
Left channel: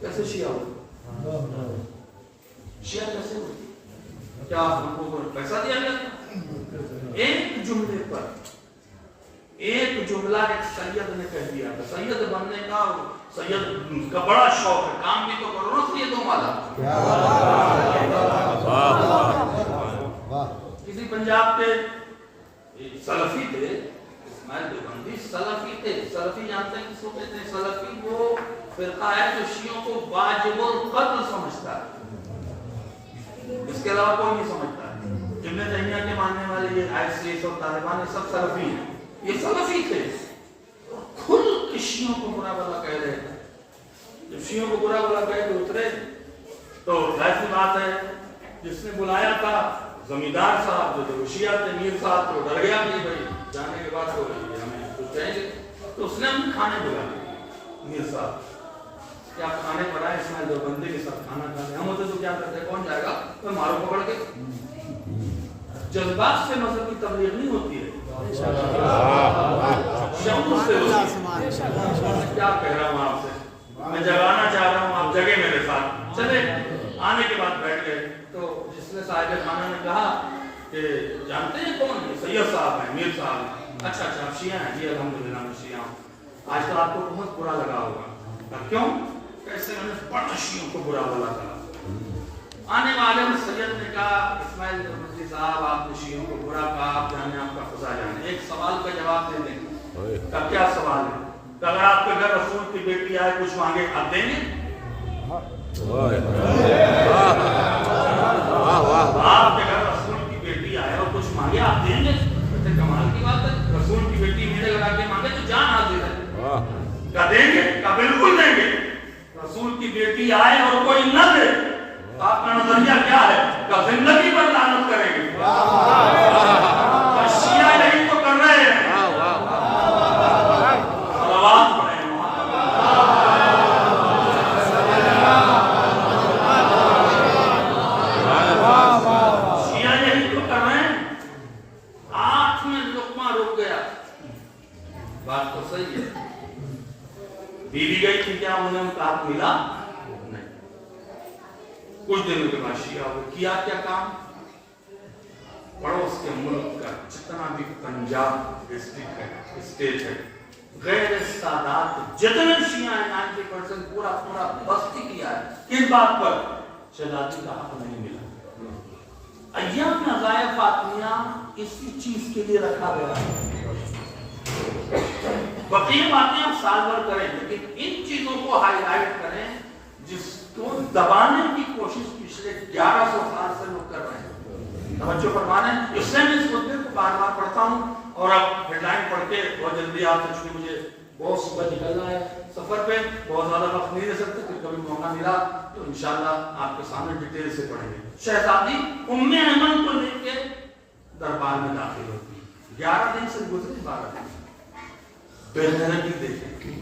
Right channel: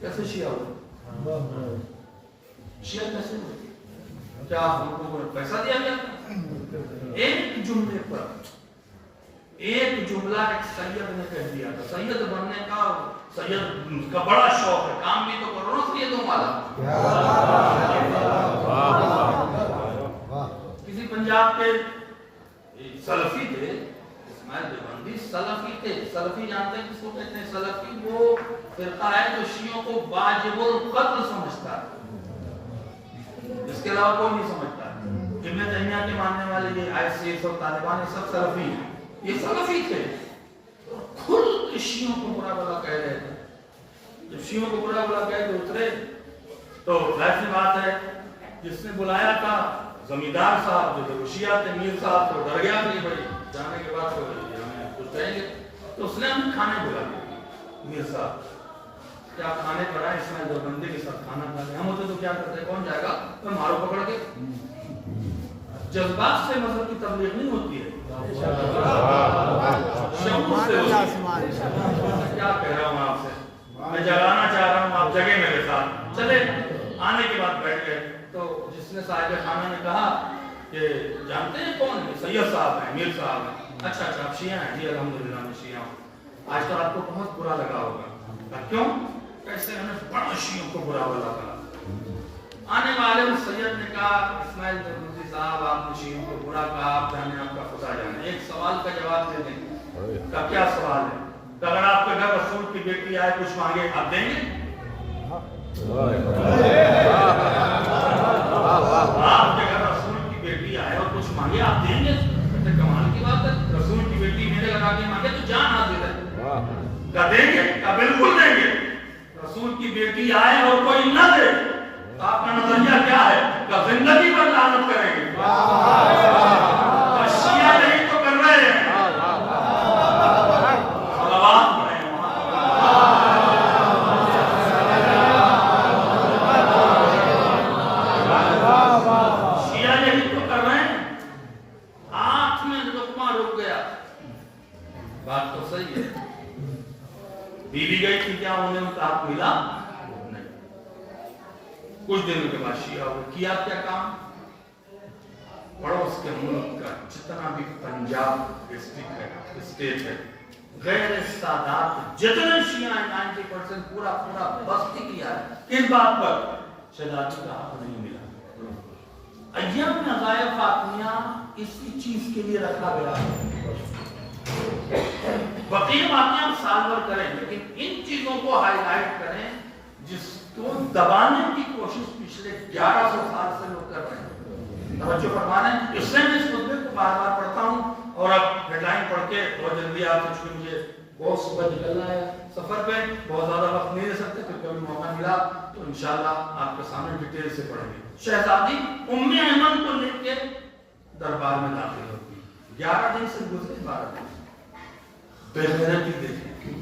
کیسے شیعہ ہو؟ شیعہ کیسے ہو؟ کیا ان کو پیسہ دیا گیا؟ ایک جملے پر, ایک جملہ ایک سید نے کہہ دیا تھا. سید بننے کا, سید کا بڑا شوق ہے, کام بھی تو کرو نا سیدوں والا. کسی پنجاب کے سلفی تھے, اسماعیل دیوبندی سلفی تھے. سلفی جانتے ہیں کس کو کہتے ہیں؟ سلفی وہ فرقہ ہے جو شیعوں کو واجب القتل سمجھتا ہے, اس کے علاوہ کوئی نہیں سمجھتا ہے. ابن تیمیہ کے ماننے والے یہ آئیسیس اور طالبان یہ سب سلفی ہیں. یہ سلفی تھے, کھل کے شیعوں کو برا بلا کہہ رہے تھے. جب شیعوں کو برا بلا کہہ کے اترے تو ایسی بات ہے, جس نے بلایا تھا زمیندار صاحب جو تھے شیعہ تھے, میر صاحب تو ڈر گیا کہ بھائی جانے کے بعد تو ہمیں کچھ کہیں گے. تو اس نے ہمیں کھانے بلا لیا. میر صاحب کیا کھانے پر آئے, اسماعیل دیوبندی کے ساتھ کھانا کھا لیا. ہم ہوتے تو کیا کرتے, کون جائے گا, تو مارو پکڑ کے. جذبات سے مذہب کی تبلیغ نہیں ہوتی ہے, شعور سے ہوتی ہے. کیا کہہ رہا ہوں آپ سے, میں جگانا چاہ رہا ہوں, آپ جگہ میرے ساتھ چلے. آنے کے بعد بیٹھ گئے تو جس نے صاحب خانہ نے کہا کہ جانتے ہیں کون ہے؟ سید صاحب ہیں, میر صاحب ہیں. اچھا اچھا آپ شیعہ ہیں؟ جی الحمدللہ میں شیعہ ہوں. آج تو آپ کو بہت برا لگا ہوگا. کیوں؟ کیسے ہمیں بڑا شیعوں کو برا بلا کلا. آنے والے سید نے کہا اسماعیل دیوبندی صاحب آپ نے شیعوں کو برا کہا, آپ جانے آپ کا خدا جانے. ایک سوال کا جواب دے دیں. کا کیا سوال ہے؟ کہ اگر آپ کے گھر رسول کی بیٹی آئے کچھ مانگے, آپ دیں گے؟ آپ کے گھر رسول کی بیٹی آئے اور کچھ مانگے, آپ دیں گے؟ کمال کی بات ہے, رسول کی بیٹی میرے لگا کے مانگے تو جان حاضر ہے. کیا دیں گے؟ کیا بالکل دیں گے. رسول کی بیٹی آئے اور کوئی نہ دے, آپ کا نظریہ کیا ہے؟ کہ زندگی پر لعنت کریں گے. شیعہ نہیں تو کر رہے ہیں. صلوات پڑھیں. شیعہ نہیں تو کر رہے ہیں. آنکھ میں لقمہ رک گیا. بات تو صحیح ہے. بیوی گئی تھی, کیا انہیں ان کا حق ملا؟ کچھ دنوں کے بعد شیعہ وہ کیا کیا کام, پڑوس کے ملک کا جتنا بھی پنجاب ڈسٹرکٹ اسٹیٹ ہے, غیر سادات جتنے شیعہ ہیں 90% پورا بستی کیا ہے. کس بات پر؟ شہزادی کا حق نہیں ملا. ایام عزائے فاطمیہ اسی چیز کے لیے رکھا گیا. بقیہ باتیں ہم سال بھر کریں, لیکن ان چیزوں کو ہائی لائٹ کریں جس کو دبانے کی کوشش پچھلے 1100 سال سے لوگ کر رہے ہیں. توجہ فرمانا ہے. اس لیے میں اس مدعے کو بار بار پڑھتا ہوں. اور اب ہیڈ لائن پڑھ کے بہت جلدی آپ سے, مجھے بہت صبح نکلنا ہے سفر پہ, بہت زیادہ وقت نہیں دے سکتے, پھر کبھی موقع ملا تو انشاءاللہ آپ کے سامنے ڈیٹیل سے پڑھیں گے. شہزادی ام ایمن کو لے کے دربار میں داخل ہوتی. 11 دن سے گزرے, 12 دن بے غیرتی دیکھیں.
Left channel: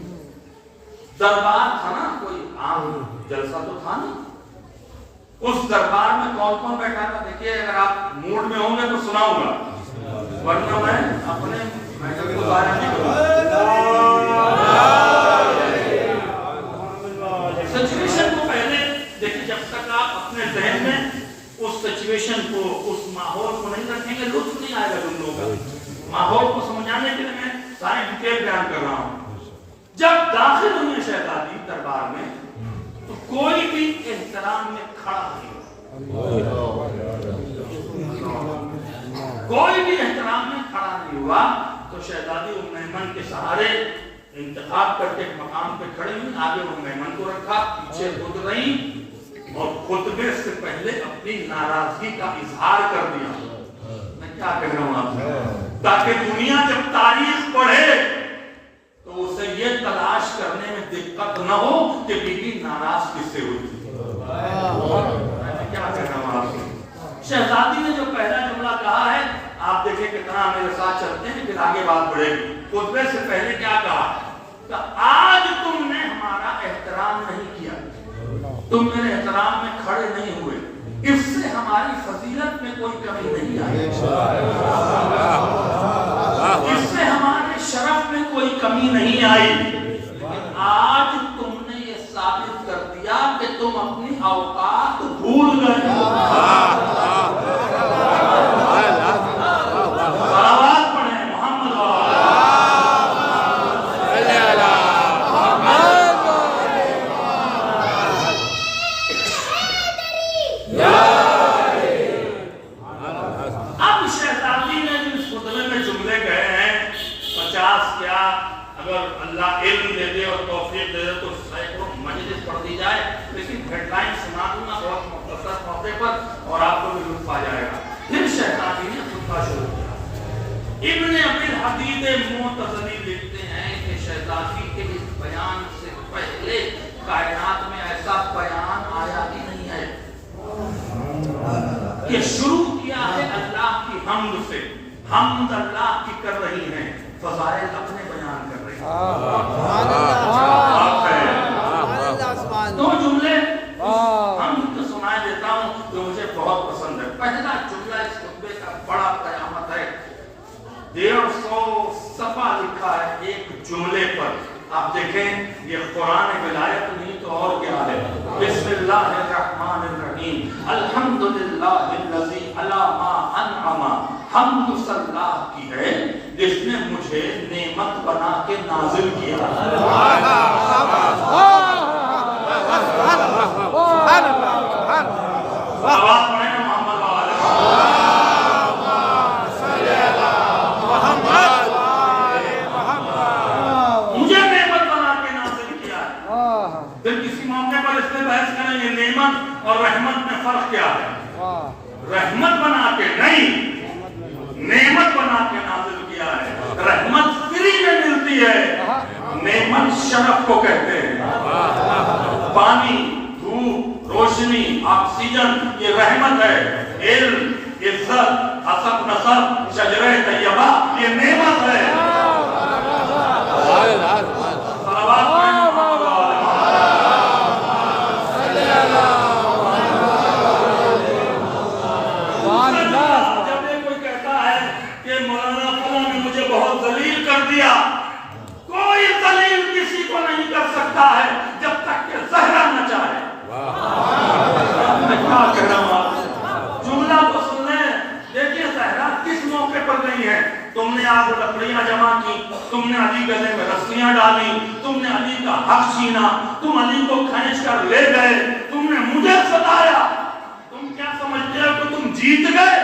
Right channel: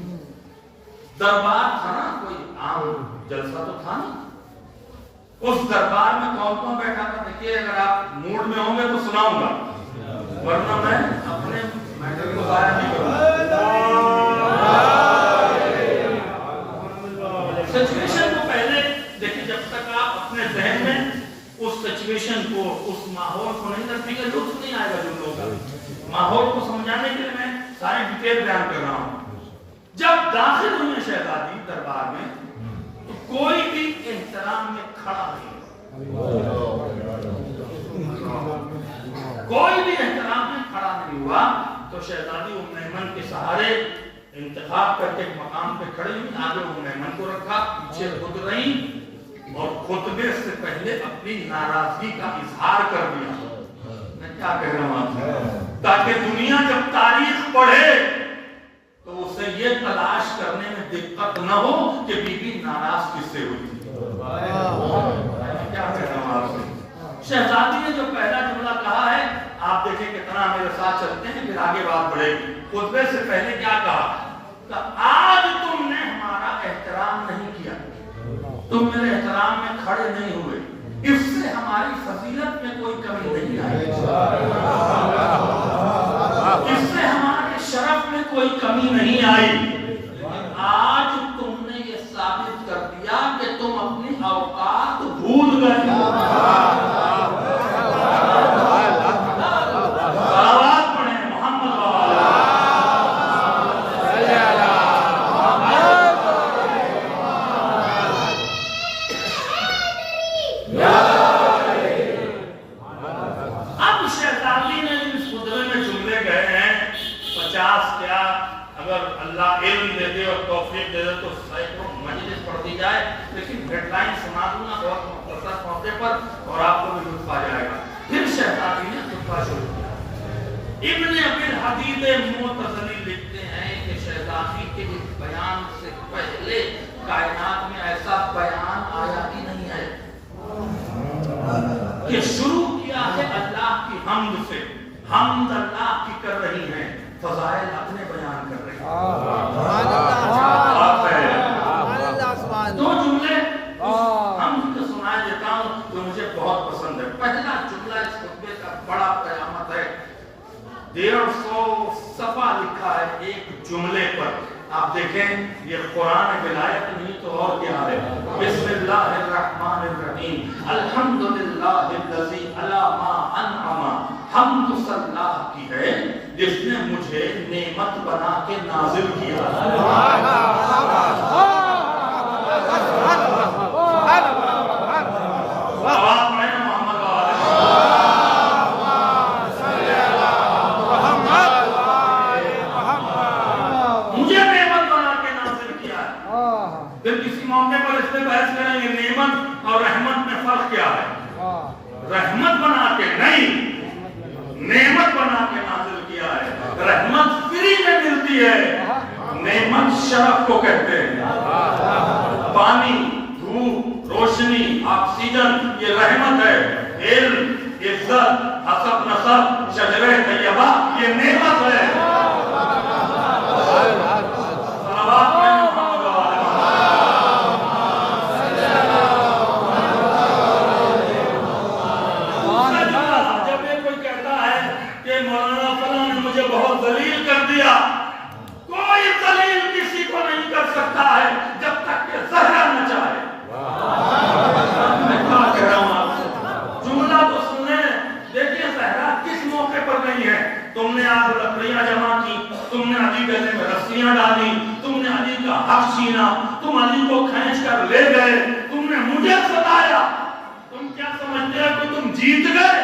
دربار تھا نا, کوئی عام جلسہ تو تھا نہیں. اس دربار میں کون کون بیٹھا تھا دیکھیے. اگر آپ موڈ میں ہوں گے تو سناؤں گا, ورنہ میں اپنے میٹر کو ظاہر نہیں کروں گا. سچویشن کو پہلے دیکھیں, جب تک آپ اپنے ذہن میں اس سچویشن کو, اس ماحول کو نہیں رکھیں گے, لطف نہیں آئے گا جملوں کا. ماحول کو سمجھانے کے لیے میں ساری ڈیٹیل بیان کر رہا ہوں. جب داخل ہوئے شہزادی دربار میں تو کوئی بھی احترام میں کھڑا نہیں ہوا. کوئی بھی احترام میں کھڑا نہیں ہوا. تو شہزادی ام ایمن کے سہارے انتخاب کر کے ایک مقام پہ کھڑی ہوئی. آگے ام ایمن کو رکھا, پیچھے خود رہی اور خطبے سے پہلے اپنی ناراضگی کا اظہار کر دیا. میں کیا کہہ رہا ہوں آپ سے, تاکہ دنیا جب تاریخ پڑھے تو اسے یہ تلاش کرنے میں دقت نہ ہو کہ بی بی ناراض کس سے ہوئی تھی. کیا کہہ رہا ہوں آپ سے. شہزادی نے جو پہلا جملہ کہا ہے, آپ دیکھیں کتنا میرے ساتھ چلتے ہیں, پھر آگے بات بڑھے گی. خطبے سے پہلے کیا کہا کہ آج تم نے ہمارا احترام تم میرے احترام میں کھڑے نہیں ہوئے، اس سے ہماری فضیلت میں کوئی کمی نہیں آئی، اس سے ہمارے شرف میں کوئی کمی نہیں آئی۔ آج تم نے یہ ثابت کر دیا کہ تم اپنی اوقات بھول گئے۔ اور آپ کو بھی لطف آ جائے گا۔ پھر شہزادی نے خطبہ شروع کیا۔ ابن ابی الحدید معتزلی لکھتے ہیں کہ شہزادی کے اس بیان سے پہلے کائنات میں ایسا بیان آیا ہی نہیں ہے کہ شروع کیا ہے اللہ کی حمد سے، حمد اللہ کی کر رہی ہیں، فضائل اپنے بیان کر رہی ہیں۔ سبحان اللہ، سبحان اللہ، سبحان اللہ۔ دو جملے ہم تو سنا دیتا ہوں جو مجھے بہت پسند ہے۔ پہلا جملہ اس خطبے کا بڑا قیامت ہے، 150 صفحہ لکھا ہے ایک جملے پر۔ آپ دیکھیں یہ قرآن ولایت نہیں تو اور کیا ہے۔ بسم اللہ الرحمن الرحیم، الحمدللہ الذی علی ما انعم، حمد اللہ کی ہے جس نے مجھے نعمت بنا کے نازل کیا۔ مجھے نعمت بنا کے نازل کیا ہے۔ پھر کسی موقع پر اس میں بحث کریں گے نعمت اور رحمت میں فرق کیا ہے۔ رحمت بنا کے نہیں، نعمت بنا کے نازل کیا ہے۔ رحمت فری میں ملتی ہے، نعمت شرف کو کہتے ہیں۔ پانی، دھوپ، روشنی، آکسیجن یہ رحمت ہے۔ علم، عزت، حسب نسب، شجرہ طیبہ یہ نعمت ہے۔ جب یہ کوئی کہتا ہے کہ مولانا فلاں نے مجھے بہت ذلیل کر دیا، کوئی ذلیل کسی کو نہیں کر سکتا ہے جب تک کہ زہرا نہ چاہے۔ جملہ تو سننے دیکھیے زہرا کس موقع پر نہیں ہے۔ تم نے آپ لکڑیاں جمع کی، تم نے علی گلے میں رسیاں ڈالی، تم نے علی کا حق چھینا، تم علی کو کھینچ کر لے گئے، تم نے مجھے ستایا، تم کیا سمجھتے ہو کہ تم جیت گئے؟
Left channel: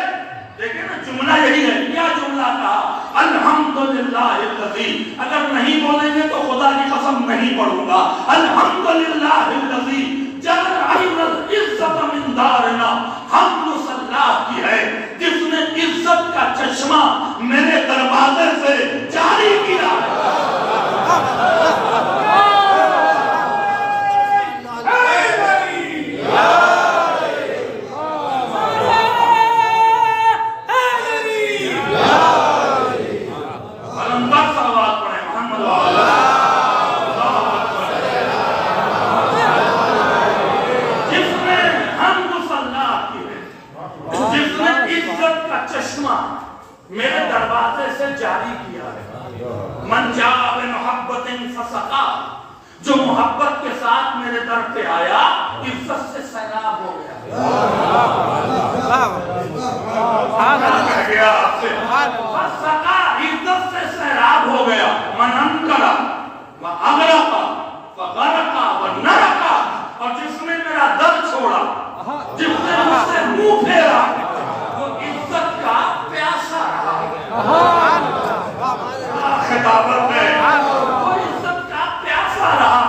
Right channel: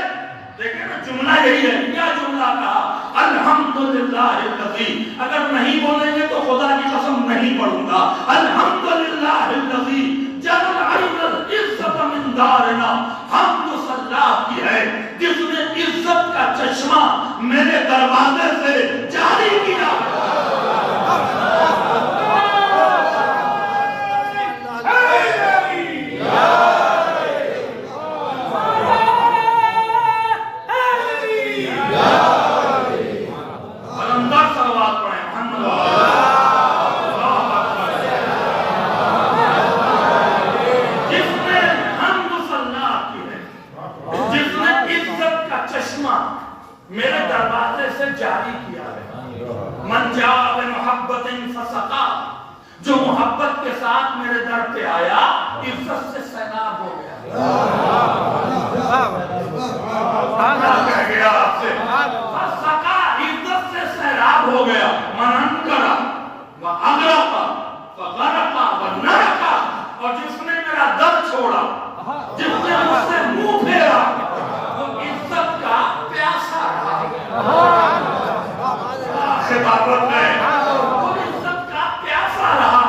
دیکھیں نا جملہ یہی ہے۔ کیا جملہ کہا؟ الحمدللہ الذی۔ اگر نہیں بولیں گے تو خدا کی قسم نہیں پڑھوں گا۔ الحمدللہ الذی جعل عین العزت من دارنا، حمد اللہ کی ہے جس نے عزت کا چشمہ میرے دروازے سے جاری کیا۔ میرے دروازے سے جاری کیا ہے۔ من جاء بمحبت فسقا، جو محبت کے ساتھ میرے در پہ آیا عزت سے سیراب ہو گیا۔ فسقا عزت سے سیراب ہو گیا۔ من انکرا واغرقا فغرقا ونرقا، اور جس نے میرا در چھوڑا، جس نے مجھ سے منہ پھیرا، وہ عزت کا پیاسا رہا۔ خطابت میں وہ عزت کا پیاسا رہا۔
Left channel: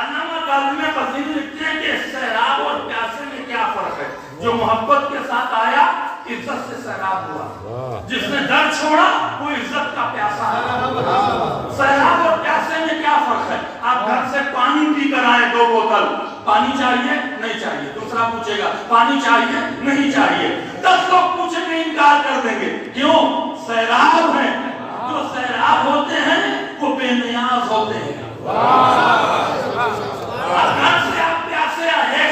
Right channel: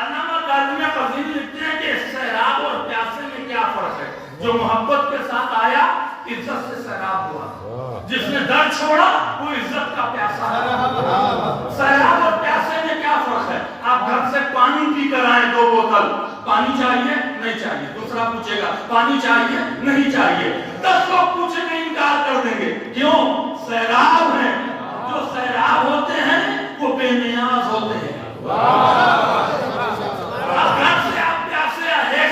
علامہ کاظمی فضیل لکھتے ہیں کہ سیراب اور پیاسے میں کیا فرق ہے؟ جو محبت کے ساتھ آیا عزت سے سیراب ہوا، جس نے در چھوڑا وہ عزت کا پیاسا رہا۔ سیراب اور پیاسے میں کیا فرق ہے؟ آپ گھر سے پانی پی کر آئے 2 بوتل، پانی چاہیے نہیں چاہیے، دوسرا پوچھے گا پانی چاہیے نہیں چاہیے، 10 لوگ پوچھیں گے انکار کر دیں گے۔ کیوں؟ سیراب ہیں۔ جو سیراب ہوتے ہیں وہ بے نیاز ہوتے ہیں۔ گھر سے آپ پیاسے آئے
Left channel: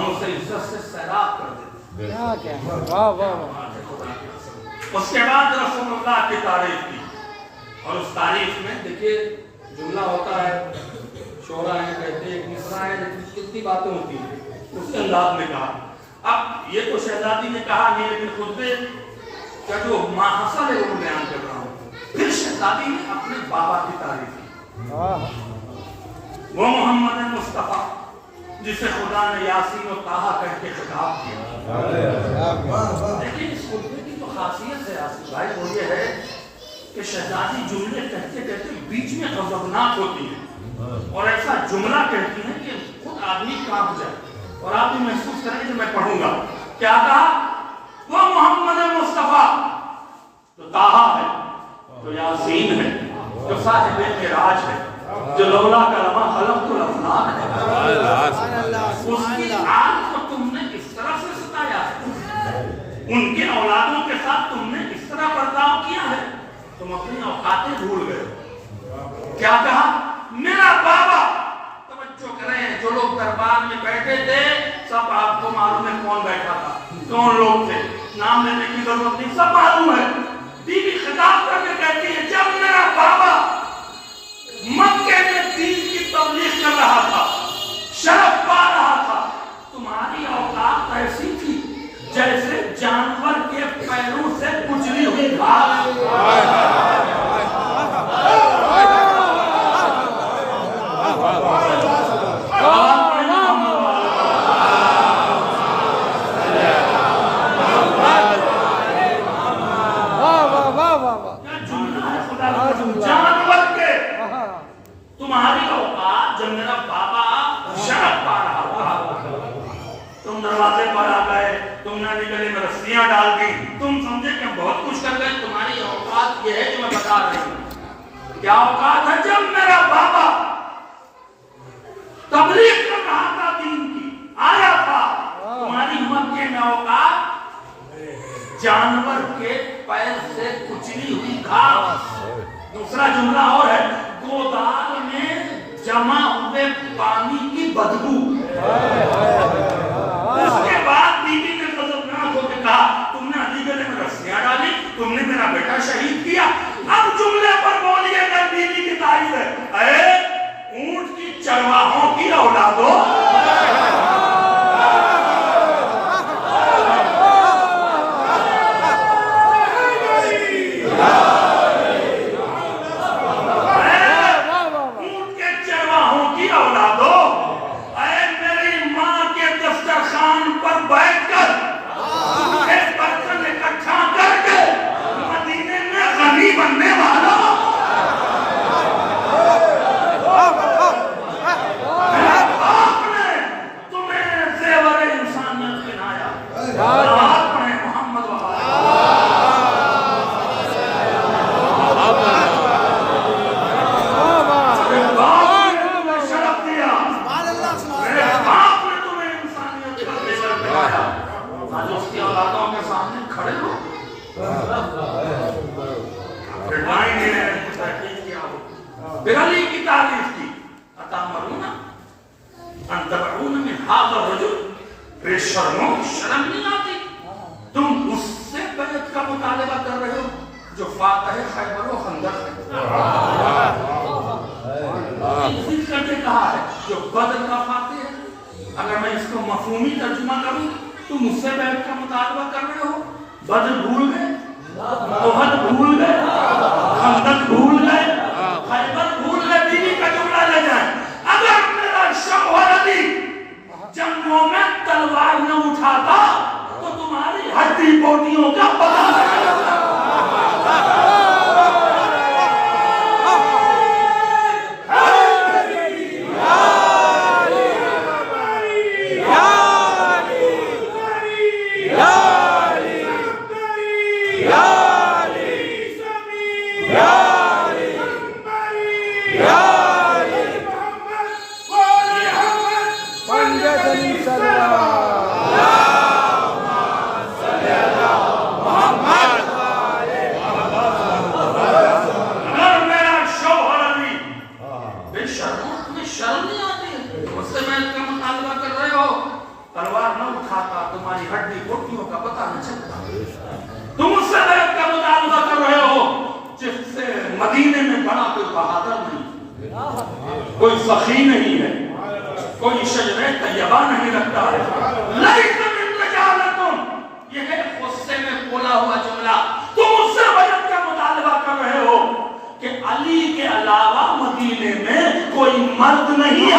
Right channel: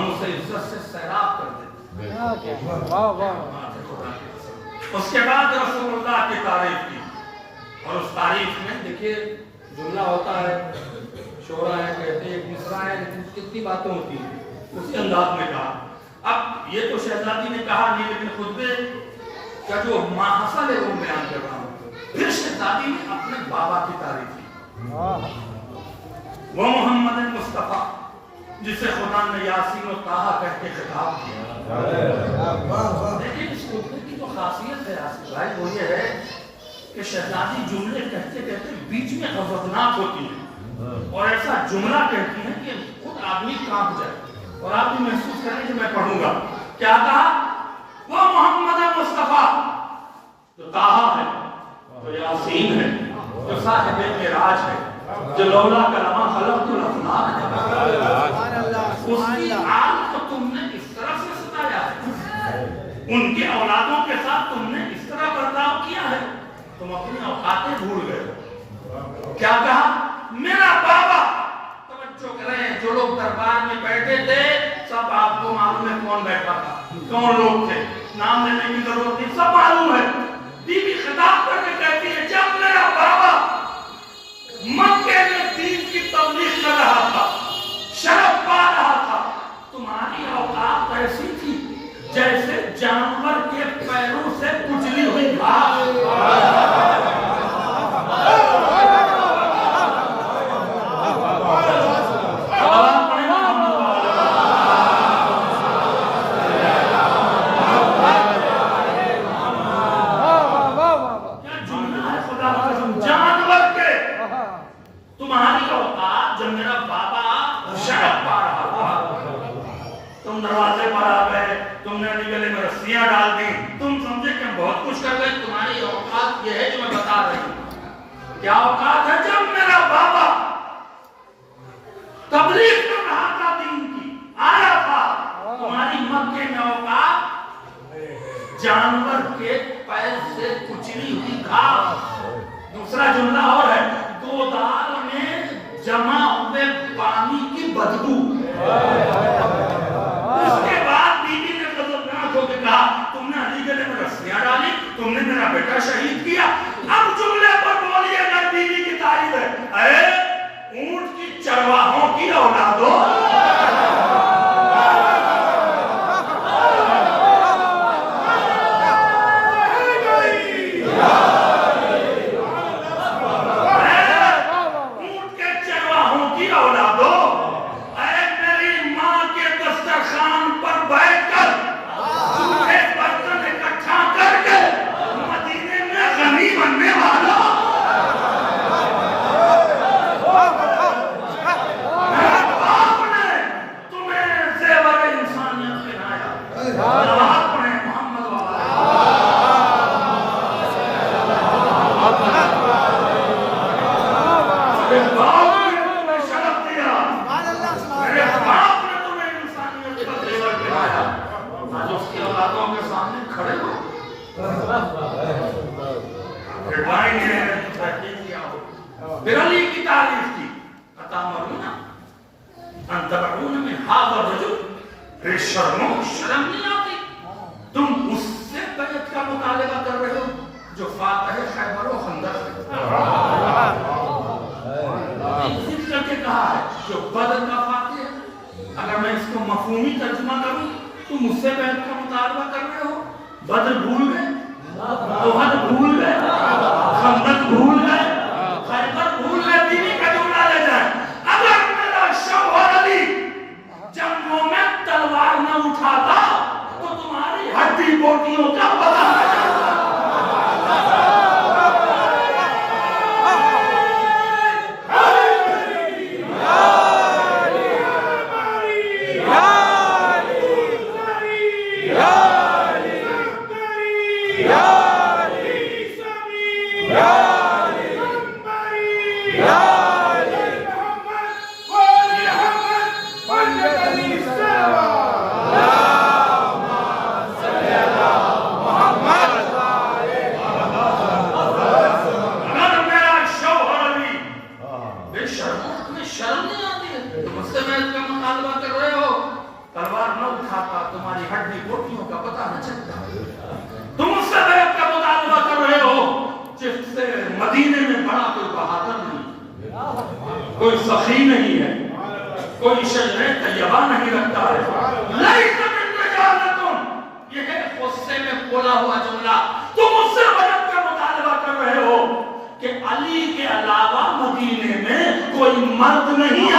ہم اسے عزت سے سیراب کر دیں. اس کے بعد رسول اللہ کی تعریف کی, اور اس تعریف میں دیکھیے جملہ ہوتا ہے, شعرا ہے, کہتے ہیں ایک مصرع ہے, لیکن کتنی باتیں ہوتی ہیں, اسی انداز میں کہا. اب یہ تو شہزادی نے کہا نہیں, لیکن خطبے کا جو ماحصل ہے وہ بیان کر رہا ہوں. پھر شہزادی نے اپنے بابا کی تعریف کی, وہ محمد مصطفیٰ جسے خدا نے یاسین و طٰہٰ کہہ کے خطاب کیا. لیکن اس خطبے کی جو خاصیت ہے آصف بھائی وہ یہ ہے کہ شہزادی جملے کہتے کہتے بیچ میں غضبناک ہوتی ہیں, اور ایسا جملہ کہتی ہیں کہ خود آدمی کانپ جائے. اور آپ بھی محسوس کریں کہ میں پڑھوں گا. کیا کہا؟ وہ محمد مصطفیٰ جو طٰہٰ ہے, جو یاسین ہے, جو صاحب معراج ہے, جو لولا کلمہ خلقت الافلاک ہے, اس کی آل کو تم نے اس طرح سے ستایا ہے, ان کے اولادوں کے ساتھ تم نے اس طرح برتاؤ کیا ہے, تم اپنی اوقاتیں بھول گئے. کیا کہا؟ میرا بابا. توجہ کریں, جو لوگ دربار میں بیٹھے تھے سب آپ کو معلوم ہے کون بیٹھا تھا, کون لوگ تھے, نام لینے کی ضرورت نہیں, سب معلوم ہے. بیوی خطاب کر کے کہتی ہے جب میرا بابا مکے میں دین کی تبلیغ کر رہا تھا, شرف پا رہا تھا, تمہاری اوقات ایسی تھی جیسے جانور کے پیروں سے کچلی ہوئی گھاس. دروازے پر آ گئے, تم نے گلے میں رسیاں ڈال دی, تم سمجھے کہ بہت کچھ کر گئے. تمہاری اوقات یہ ہے جو میں بتا رہی ہوں. کیا اوقات ہے؟ جب میرا بابا تبلیغ کر رہا تھا, دین کی آیا تھا, تمہاری مکے میں اوقات جانور کے پیر سے کچلی ہوئی گھاس. دوسرا جملہ اور ہے, گودال میں جمع ہوئے پانی کی بدبو. اس کے بعد بیوی نے غضبناک ہو کے کہا تم نے علی گلے میں رسیاں ڈالی, تم نے میرا بیٹا شہید کیا. اب جملے پر بولیے گا بیوی کی تعریف ہے, اے اونٹ کی چرواہوں کی اولادوں, علی کی تعریف کی. اتامرون ان تبعون من هذا الرجل, شرم نہیں آتی, تم اس سے بیعت کا مطالبہ کر رہے ہو جو فاتح خیبر و خندق ہے. ذکر کر کے کہا ہے جو بدر کا فاتح ہے. اگر میں اس کو مفہومی ترجمہ کروں, تم اس سے بیعت کا مطالبہ کر رہے ہو. بدر بھول گئے, احد بھول گئے, خندق بھول گئے, خیبر بھول گئے. بیوی کا جملہ لے جائیں, اگر میرا شوہر علی جنگوں میں تلوار نہ اٹھاتا تو تمہاری ہڈی بوٹیوں کا پتہ نہ چلتا. کھاتا تمہاری ہڈی بوٹیوں کا پتہ نہ چلتا. تم اس سے بیعت کا مطالبہ کر رہے ہو جس سے مدینے میں بڑا کوئی بہادر نہیں, کوئی سخی نہیں ہے, کوئی شجرے طیبہ نہیں رکھتا ہے. لیس من رجالکم, یہ ہے غصے میں بولا ہوا جملہ. تم اس سے بیعت کا مطالبہ کر رہے ہو کہ علی کے علاوہ مدینے میں کوئی مرد نہیں ہے.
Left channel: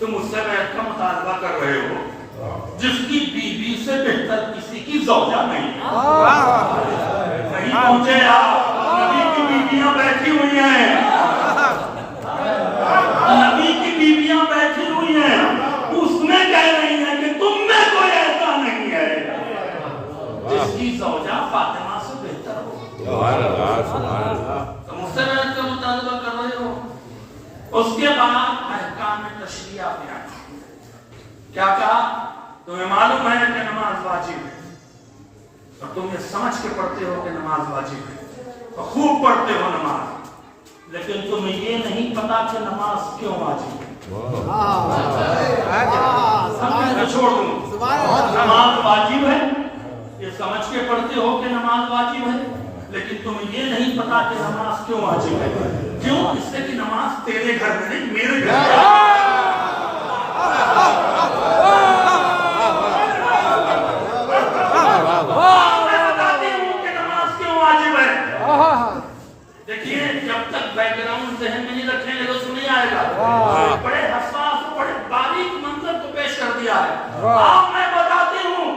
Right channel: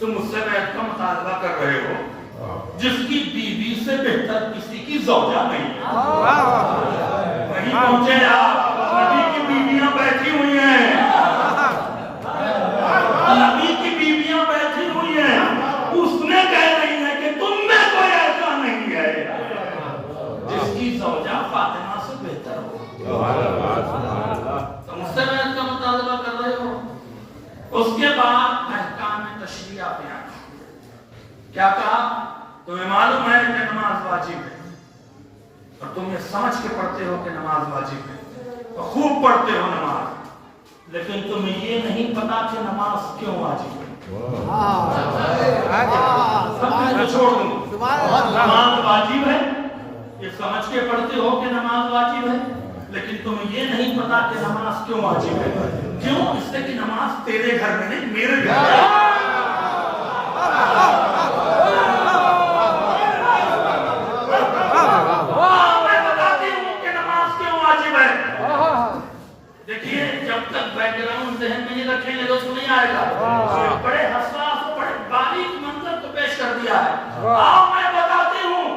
تم اس سے بیعت کا مطالبہ کر رہے ہو جس کی بیوی سے بہتر کسی کی زوجہ نہیں ہے. کہیں پہنچے آپ, نبی کی بیویاں بیٹھی ہوئی ہیں, نبی کی بیویاں بیٹھی ہوئی ہیں, اس نے کہہ رہی ہے کہ تم میں کوئی ایسا نہیں ہے جس کی زوجہ فاطمہ سے بہتر ہو. تم اس سے بیعت کا مطالبہ کر رہے ہو. اس کے بعد احکام تشریع بیان کیا کہا؟ تمہیں معلوم ہے کہ نماز واجب ہے اور تم یہ سمجھ کے پڑھتے ہو کہ نماز واجب ہے اور خوب پڑھتے ہو نماز, لیکن تمہیں یہ نہیں پتا کہ نماز کیوں واجب ہے. چھوڑ دوں, نماز واجب ہے یہ سمجھ کے پڑھتے ہو کہ نماز واجب ہے, لیکن تمہیں یہ نہیں پتا کہ نماز کیوں واجب ہے. کیوں؟ اس سے کہ نماز تیرے گھر میں نہیں میرے گھر میں. میں بتاتی ہوں کہ نماز کیوں واجب ہے. دیکھیے جب تک بیک گراؤنڈ ذہن میں نہیں رکھیں گے تو نہیں آئے گا. بڑے حساس بڑے باریک منظر کو پیش کر دیا ہے. آپ میں بتاتی ہوں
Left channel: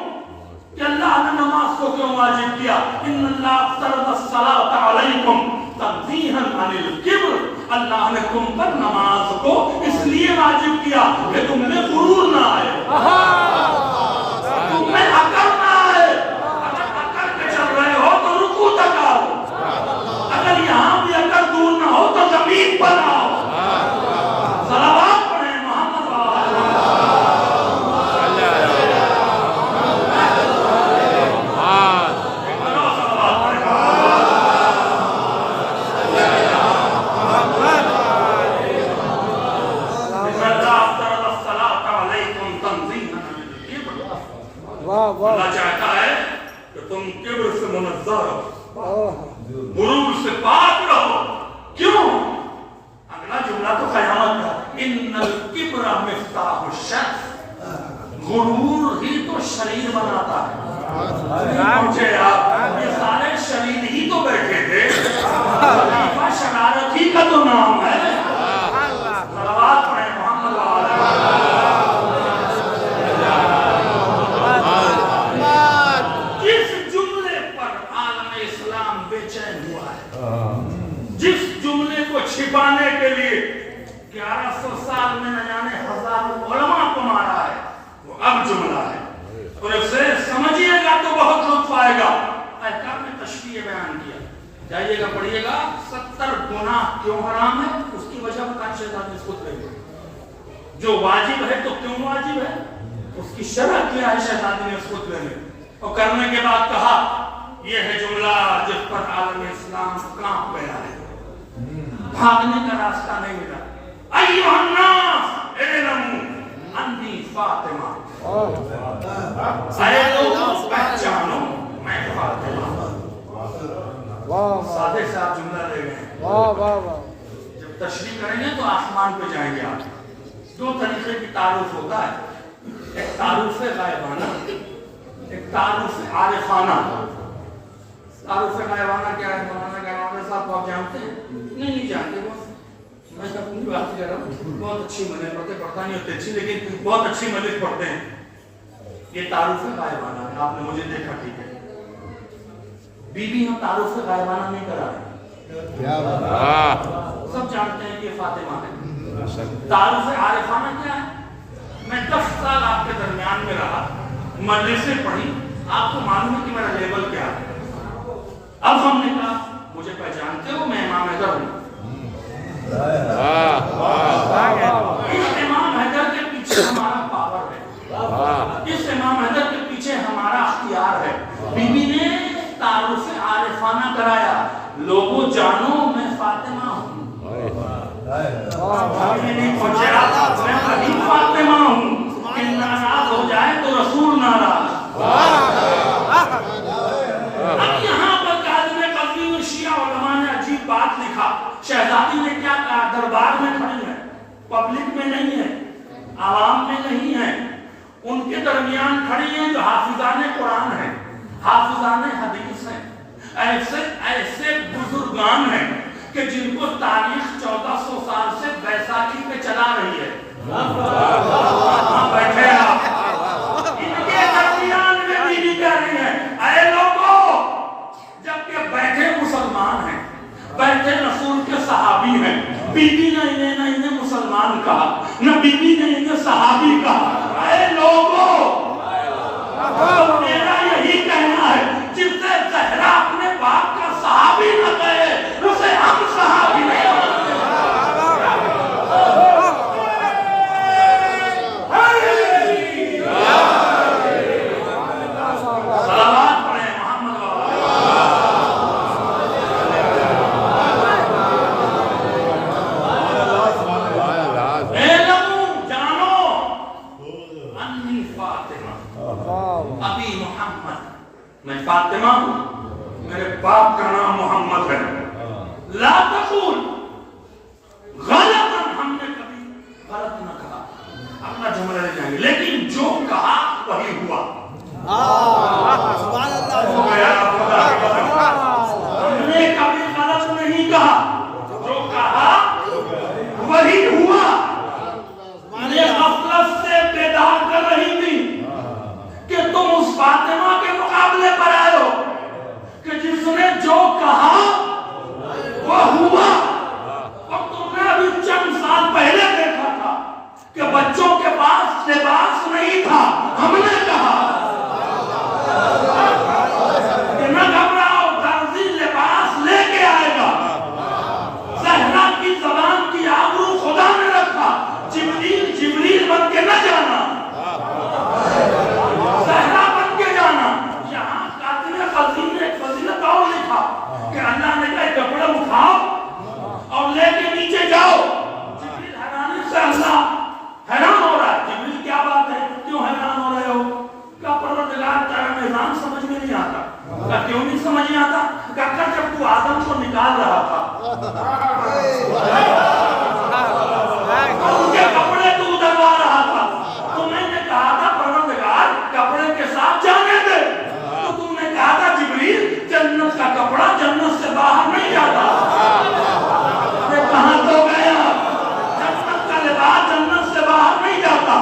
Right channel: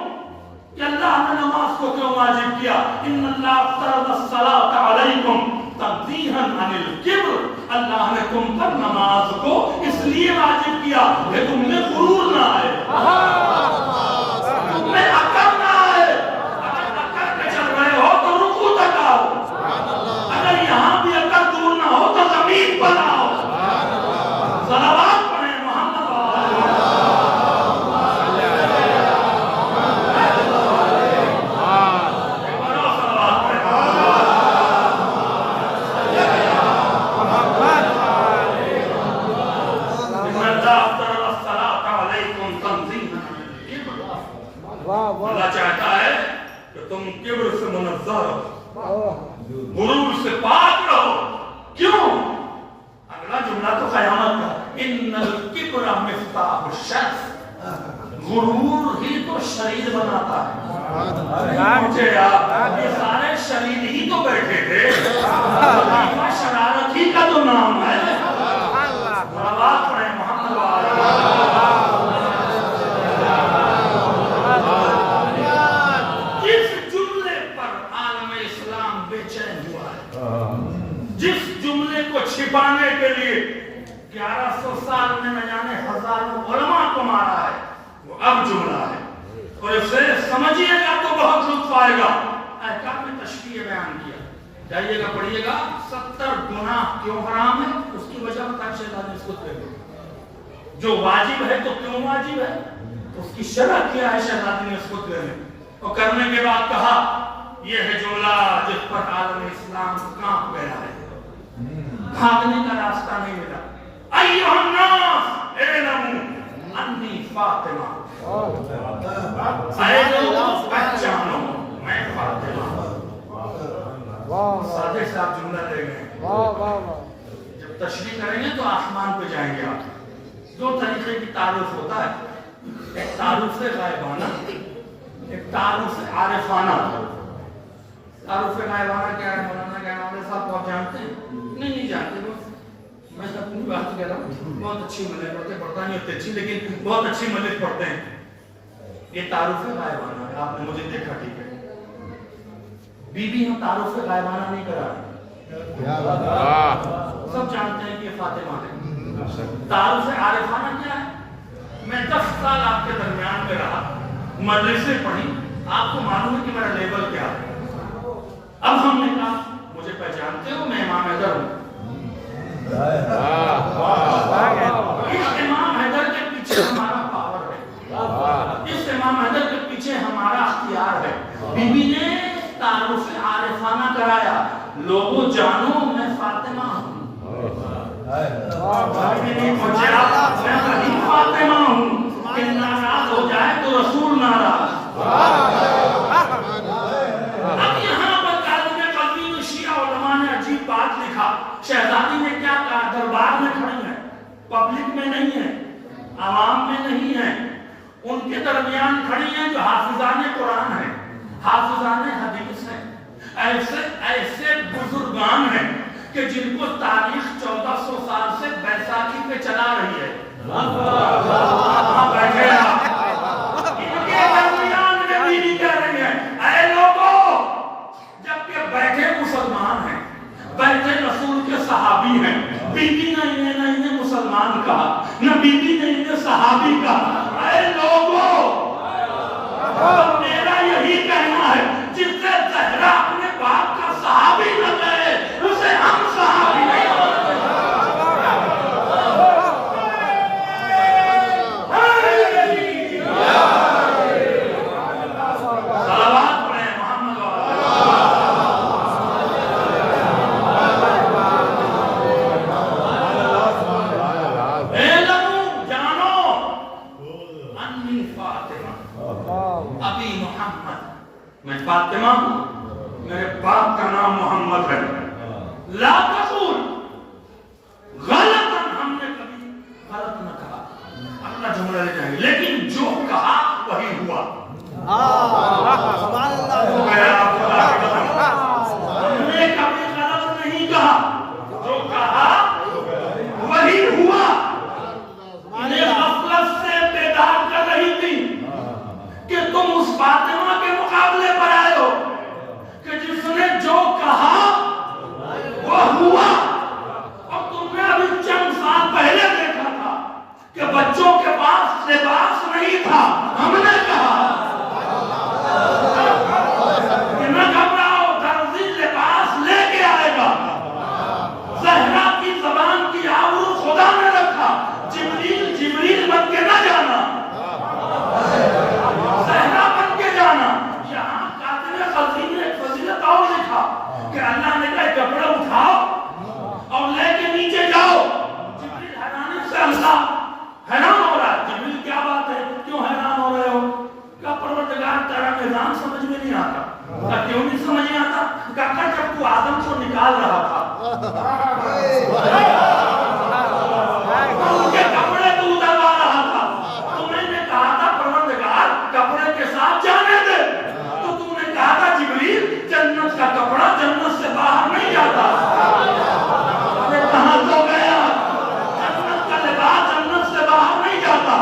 کہ اللہ نے نماز کو کیوں واجب کیا. ان اللہ فرض الصلاۃ علیکم تنزیہا عن الکبر, اللہ نے تم پر نماز کو اس لیے واجب کیا کہ تم میں غرور نہ آئے, تم میں اکڑ نہ آئے. اگر اکڑ کے چل رہے ہو تو رکوع تک آؤ, اگر یہاں بھی اکڑ دور نہ ہو تو زمین پر آؤ. صلوات پڑھیں محمد غرور سے پاک رہو. کیوں؟ اگلا جملہ تو قیامت کا, ان الکبر مفتاح الشر, غرور ہی تو شریر بناتا ہے. مجھے آپ یہ سارے شریر ہی تو بیٹھے تھے, شرارت ہی کا تو نام ہے. صلوات پڑھیں محمد جس جملے کو چھپانے کے لیے 1100 سال میں نہ جانے ہزاروں علماء کو مارا ہے, وہ اب جملہ ہے. اور اسے سمجھیے گا تو بہت لطف آئے گا. احکام میں تشریع بیان کیا, جائیے گا پڑھیے گا. 70 گناہ کیوں حرام ہے اس کی وجہ بتائیں شہزاد نے اس کو دے. جو واجب ہے تو کیوں واجب ہے, اس کی شرح کیا ہے شہزاد نے اس کو دے. اور کرنے کے بعد کہا یہ ہے جملہ جس پر عالم اسلام کانپ گیا ہے, بھاگنے کا راستہ نہیں ملا. ایھا الناس اعلموا انی فاطمہ, اے لوگوں پہچانو میں فاطمہ. سادے سے آپ جملہ لے گئے. جب تشریح کریں گے تو آسمان پہ جائیں گے آپ. 2 طریقے کی تعارف ہوتا ہے, ایک تعارف غائبانہ, ایک تعارف عارفانہ. تعارف غائبانہ کیا ہے؟ مولانا کیا ہے صاحب آپ جانتے ہیں؟ نہیں جانتے. میں اپنی بات کہہ رہا ہوں, بہت اچھی مدد پڑھتے, پڑھتا نہیں ہوتے اچھی لیکن بہت اچھی مدد پڑھتے ہیں. یہ تعارف غائبانہ ہے, آپ نے مجھے دیکھا ٹھیک ہے. بیوی ہم تعارف غائبانہ نہیں کرا رہے, سب جانتے ہیں کہ یہ فاطمہ ہے. تعارف عارفانہ کیا ہے؟ میں 10 سال آپ کے درمیان مدرسے پڑھی، آپ کو معلوم ہے کہ میرا لیول کیا ہے. اب ہم نے کہا مجھے پہچانتے ہو، میں امام حیدر ہوں. اس امام حیدر کے پیچھے ہمارا پاور ہے، اس امام حیدر کے پیچھے ہمارا اختیار ہے. بی بی نے تعارف عارفانہ کرایا، لوگوں جانو میں فاطمہ ہوں. میں فاطمہ ہوں، کہ ناراض ہو جائے تو رسول ناراض. اب یہاں پر کاظم قزوین شیعہ علماء نے عجیب بات لکھا. شہزادی نے کیا کہا؟ دربار میں کھڑی ہے، پبلک میں نہیں ہے، عوام میں نہیں ہے، ان کے درمیان کھڑی ہیں جو حافظان قرآن ہیں، حافظان حدیث ہیں، ایسے بزرگان ہیں کہ جن کو تاریخ 1400 سال سے بیساکھی پہ چلا رہی ہے. بیٹھے آپ ان کے درمیان میں بیوی کہہ رہی ہے اے لوگوں، جبکہ بیٹھے مسلمان ہیں، بیٹھے رسول کے صحابی ہیں. بی بی نے انہیں مسلمان کہا، نہ بی بی نے انہیں صحابی کہا. اے لوگوں، میرا یہی کہنا ہے جس سے زہرا اپنے باپ کا صحابی نہ کہے اسے ہم صحابی نہیں. فاطمہ ہوں، میرے باپ کا نام محمد ہے. لا تقول غلطاً، ہم نے کبھی غلط نہ کہا. اپنا جملہ لے جائیں گے، لیکن جو کہا وہی ہوا. سبحان اللہ. ہم نے کبھی غلط نہیں کہا، جو کہا وہی ہوا. یہ غفلت سے بیدار کر رہی تھی کہ تم اس فاطمہ کے مقابلے پر آئے ہو کہ جس نے جو کہا وہ ہوا. اور تم نے ابھی چند سال پہلے دیکھا تھا کہ بچوں کے پاس لباس نہیں تھا، ہم نے کہا کہ نہ گھبراؤ، درزی لباس لے کے آئے گا. زہرا کی زبان کی آبرو خدا نے رکھا. جبریل بن کے نہ جانا، زہرا بن کے جانا. یہاں کاتب قزوین نے ایک فضیلت اور لکھا کہ اللہ نے کہا کپڑے اٹھاؤ اور لے کے نیچے جاؤ. جبریل حیرانی سے اللہ حیران ہو رہا ہے. جبریل کیا بات ہے، کیوں حیران ہو رہے ہو؟ کہا پروردگار تیرا نظام سمجھ میں نہیں آتا. کہا کیوں نہیں سمجھ میں آتا؟ کہا جب تو آدم کو نکال رہا تھا ان کے کپڑے تو اتروا رہا تھا، تو میں نے کہا تھا پروردگار کپڑے کے ساتھ جانے دے. تو تم نے کہا تھا جبریل جنت کا کپڑا جنت سے باہر نہیں جاتا. کہاں تو گیا، جنت کا لباس جنت سے باہر نہیں جاتا.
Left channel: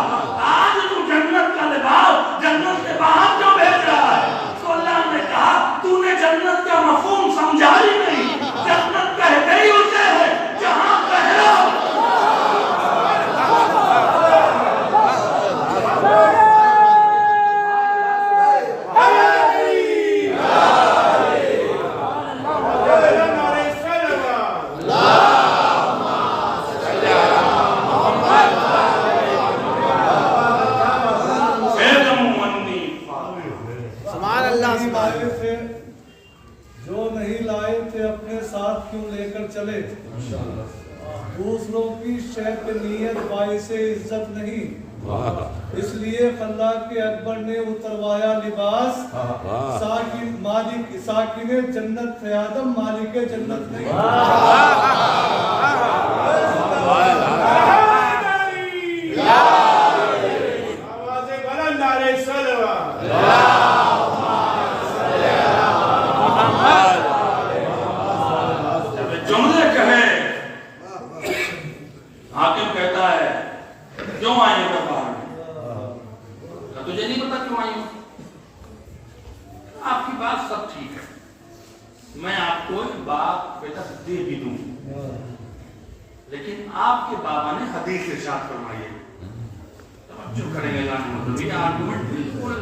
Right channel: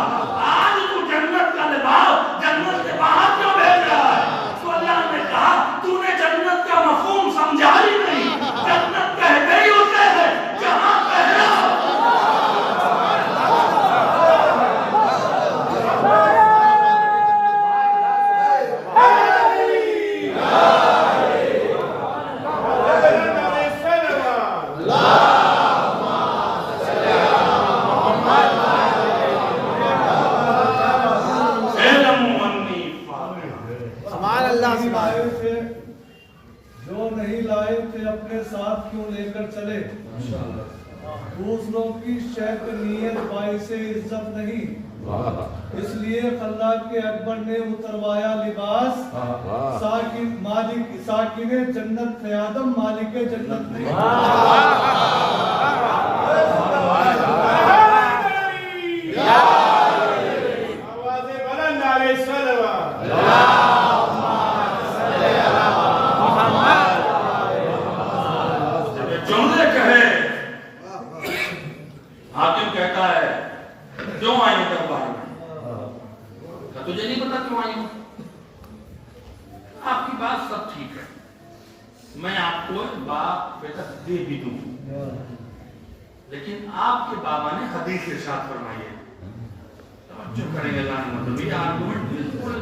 آج تو جنت کا لباس جنت سے باہر کیوں بھیج رہا ہے؟ تو اللہ نے کہا تو نے جنت کا مفہوم سمجھا ہی نہیں. جنت کہتے ہی اسے ہے جہاں پہلا جو نہیں لائے تھے اپنے ساتھ کیوں لے کر چلے. دوسروں کی شیطنیت باعث عزت نہیں، اس لیے خلاق کے اکبر نے اتروایا لباس. ساکن جنت تھے آدم، مالک جنت نہیں. جملے کہے حاکم کہتا ہے کیوں آئی ہو دربار میں؟ تجھے نہیں پتا کیوں آئی ہوں؟ آپ کی بات سب ٹھیک ہے، میں آپ کو ایک باپ بیٹا دے بھی دوں، لیکن آپ کے بابا نے حدیث ارشاد فرمائی ہے. جو کریں گے اللہ نے مطلب یہ آرگومنٹ بالکل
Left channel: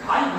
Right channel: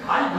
2.5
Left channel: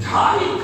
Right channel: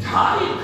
2.5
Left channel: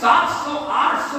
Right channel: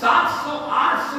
700-800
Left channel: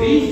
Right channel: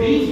20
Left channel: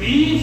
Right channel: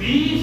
20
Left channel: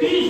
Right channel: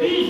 30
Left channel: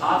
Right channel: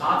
7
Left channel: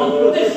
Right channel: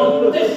29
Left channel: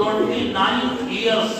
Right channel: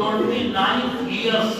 29 years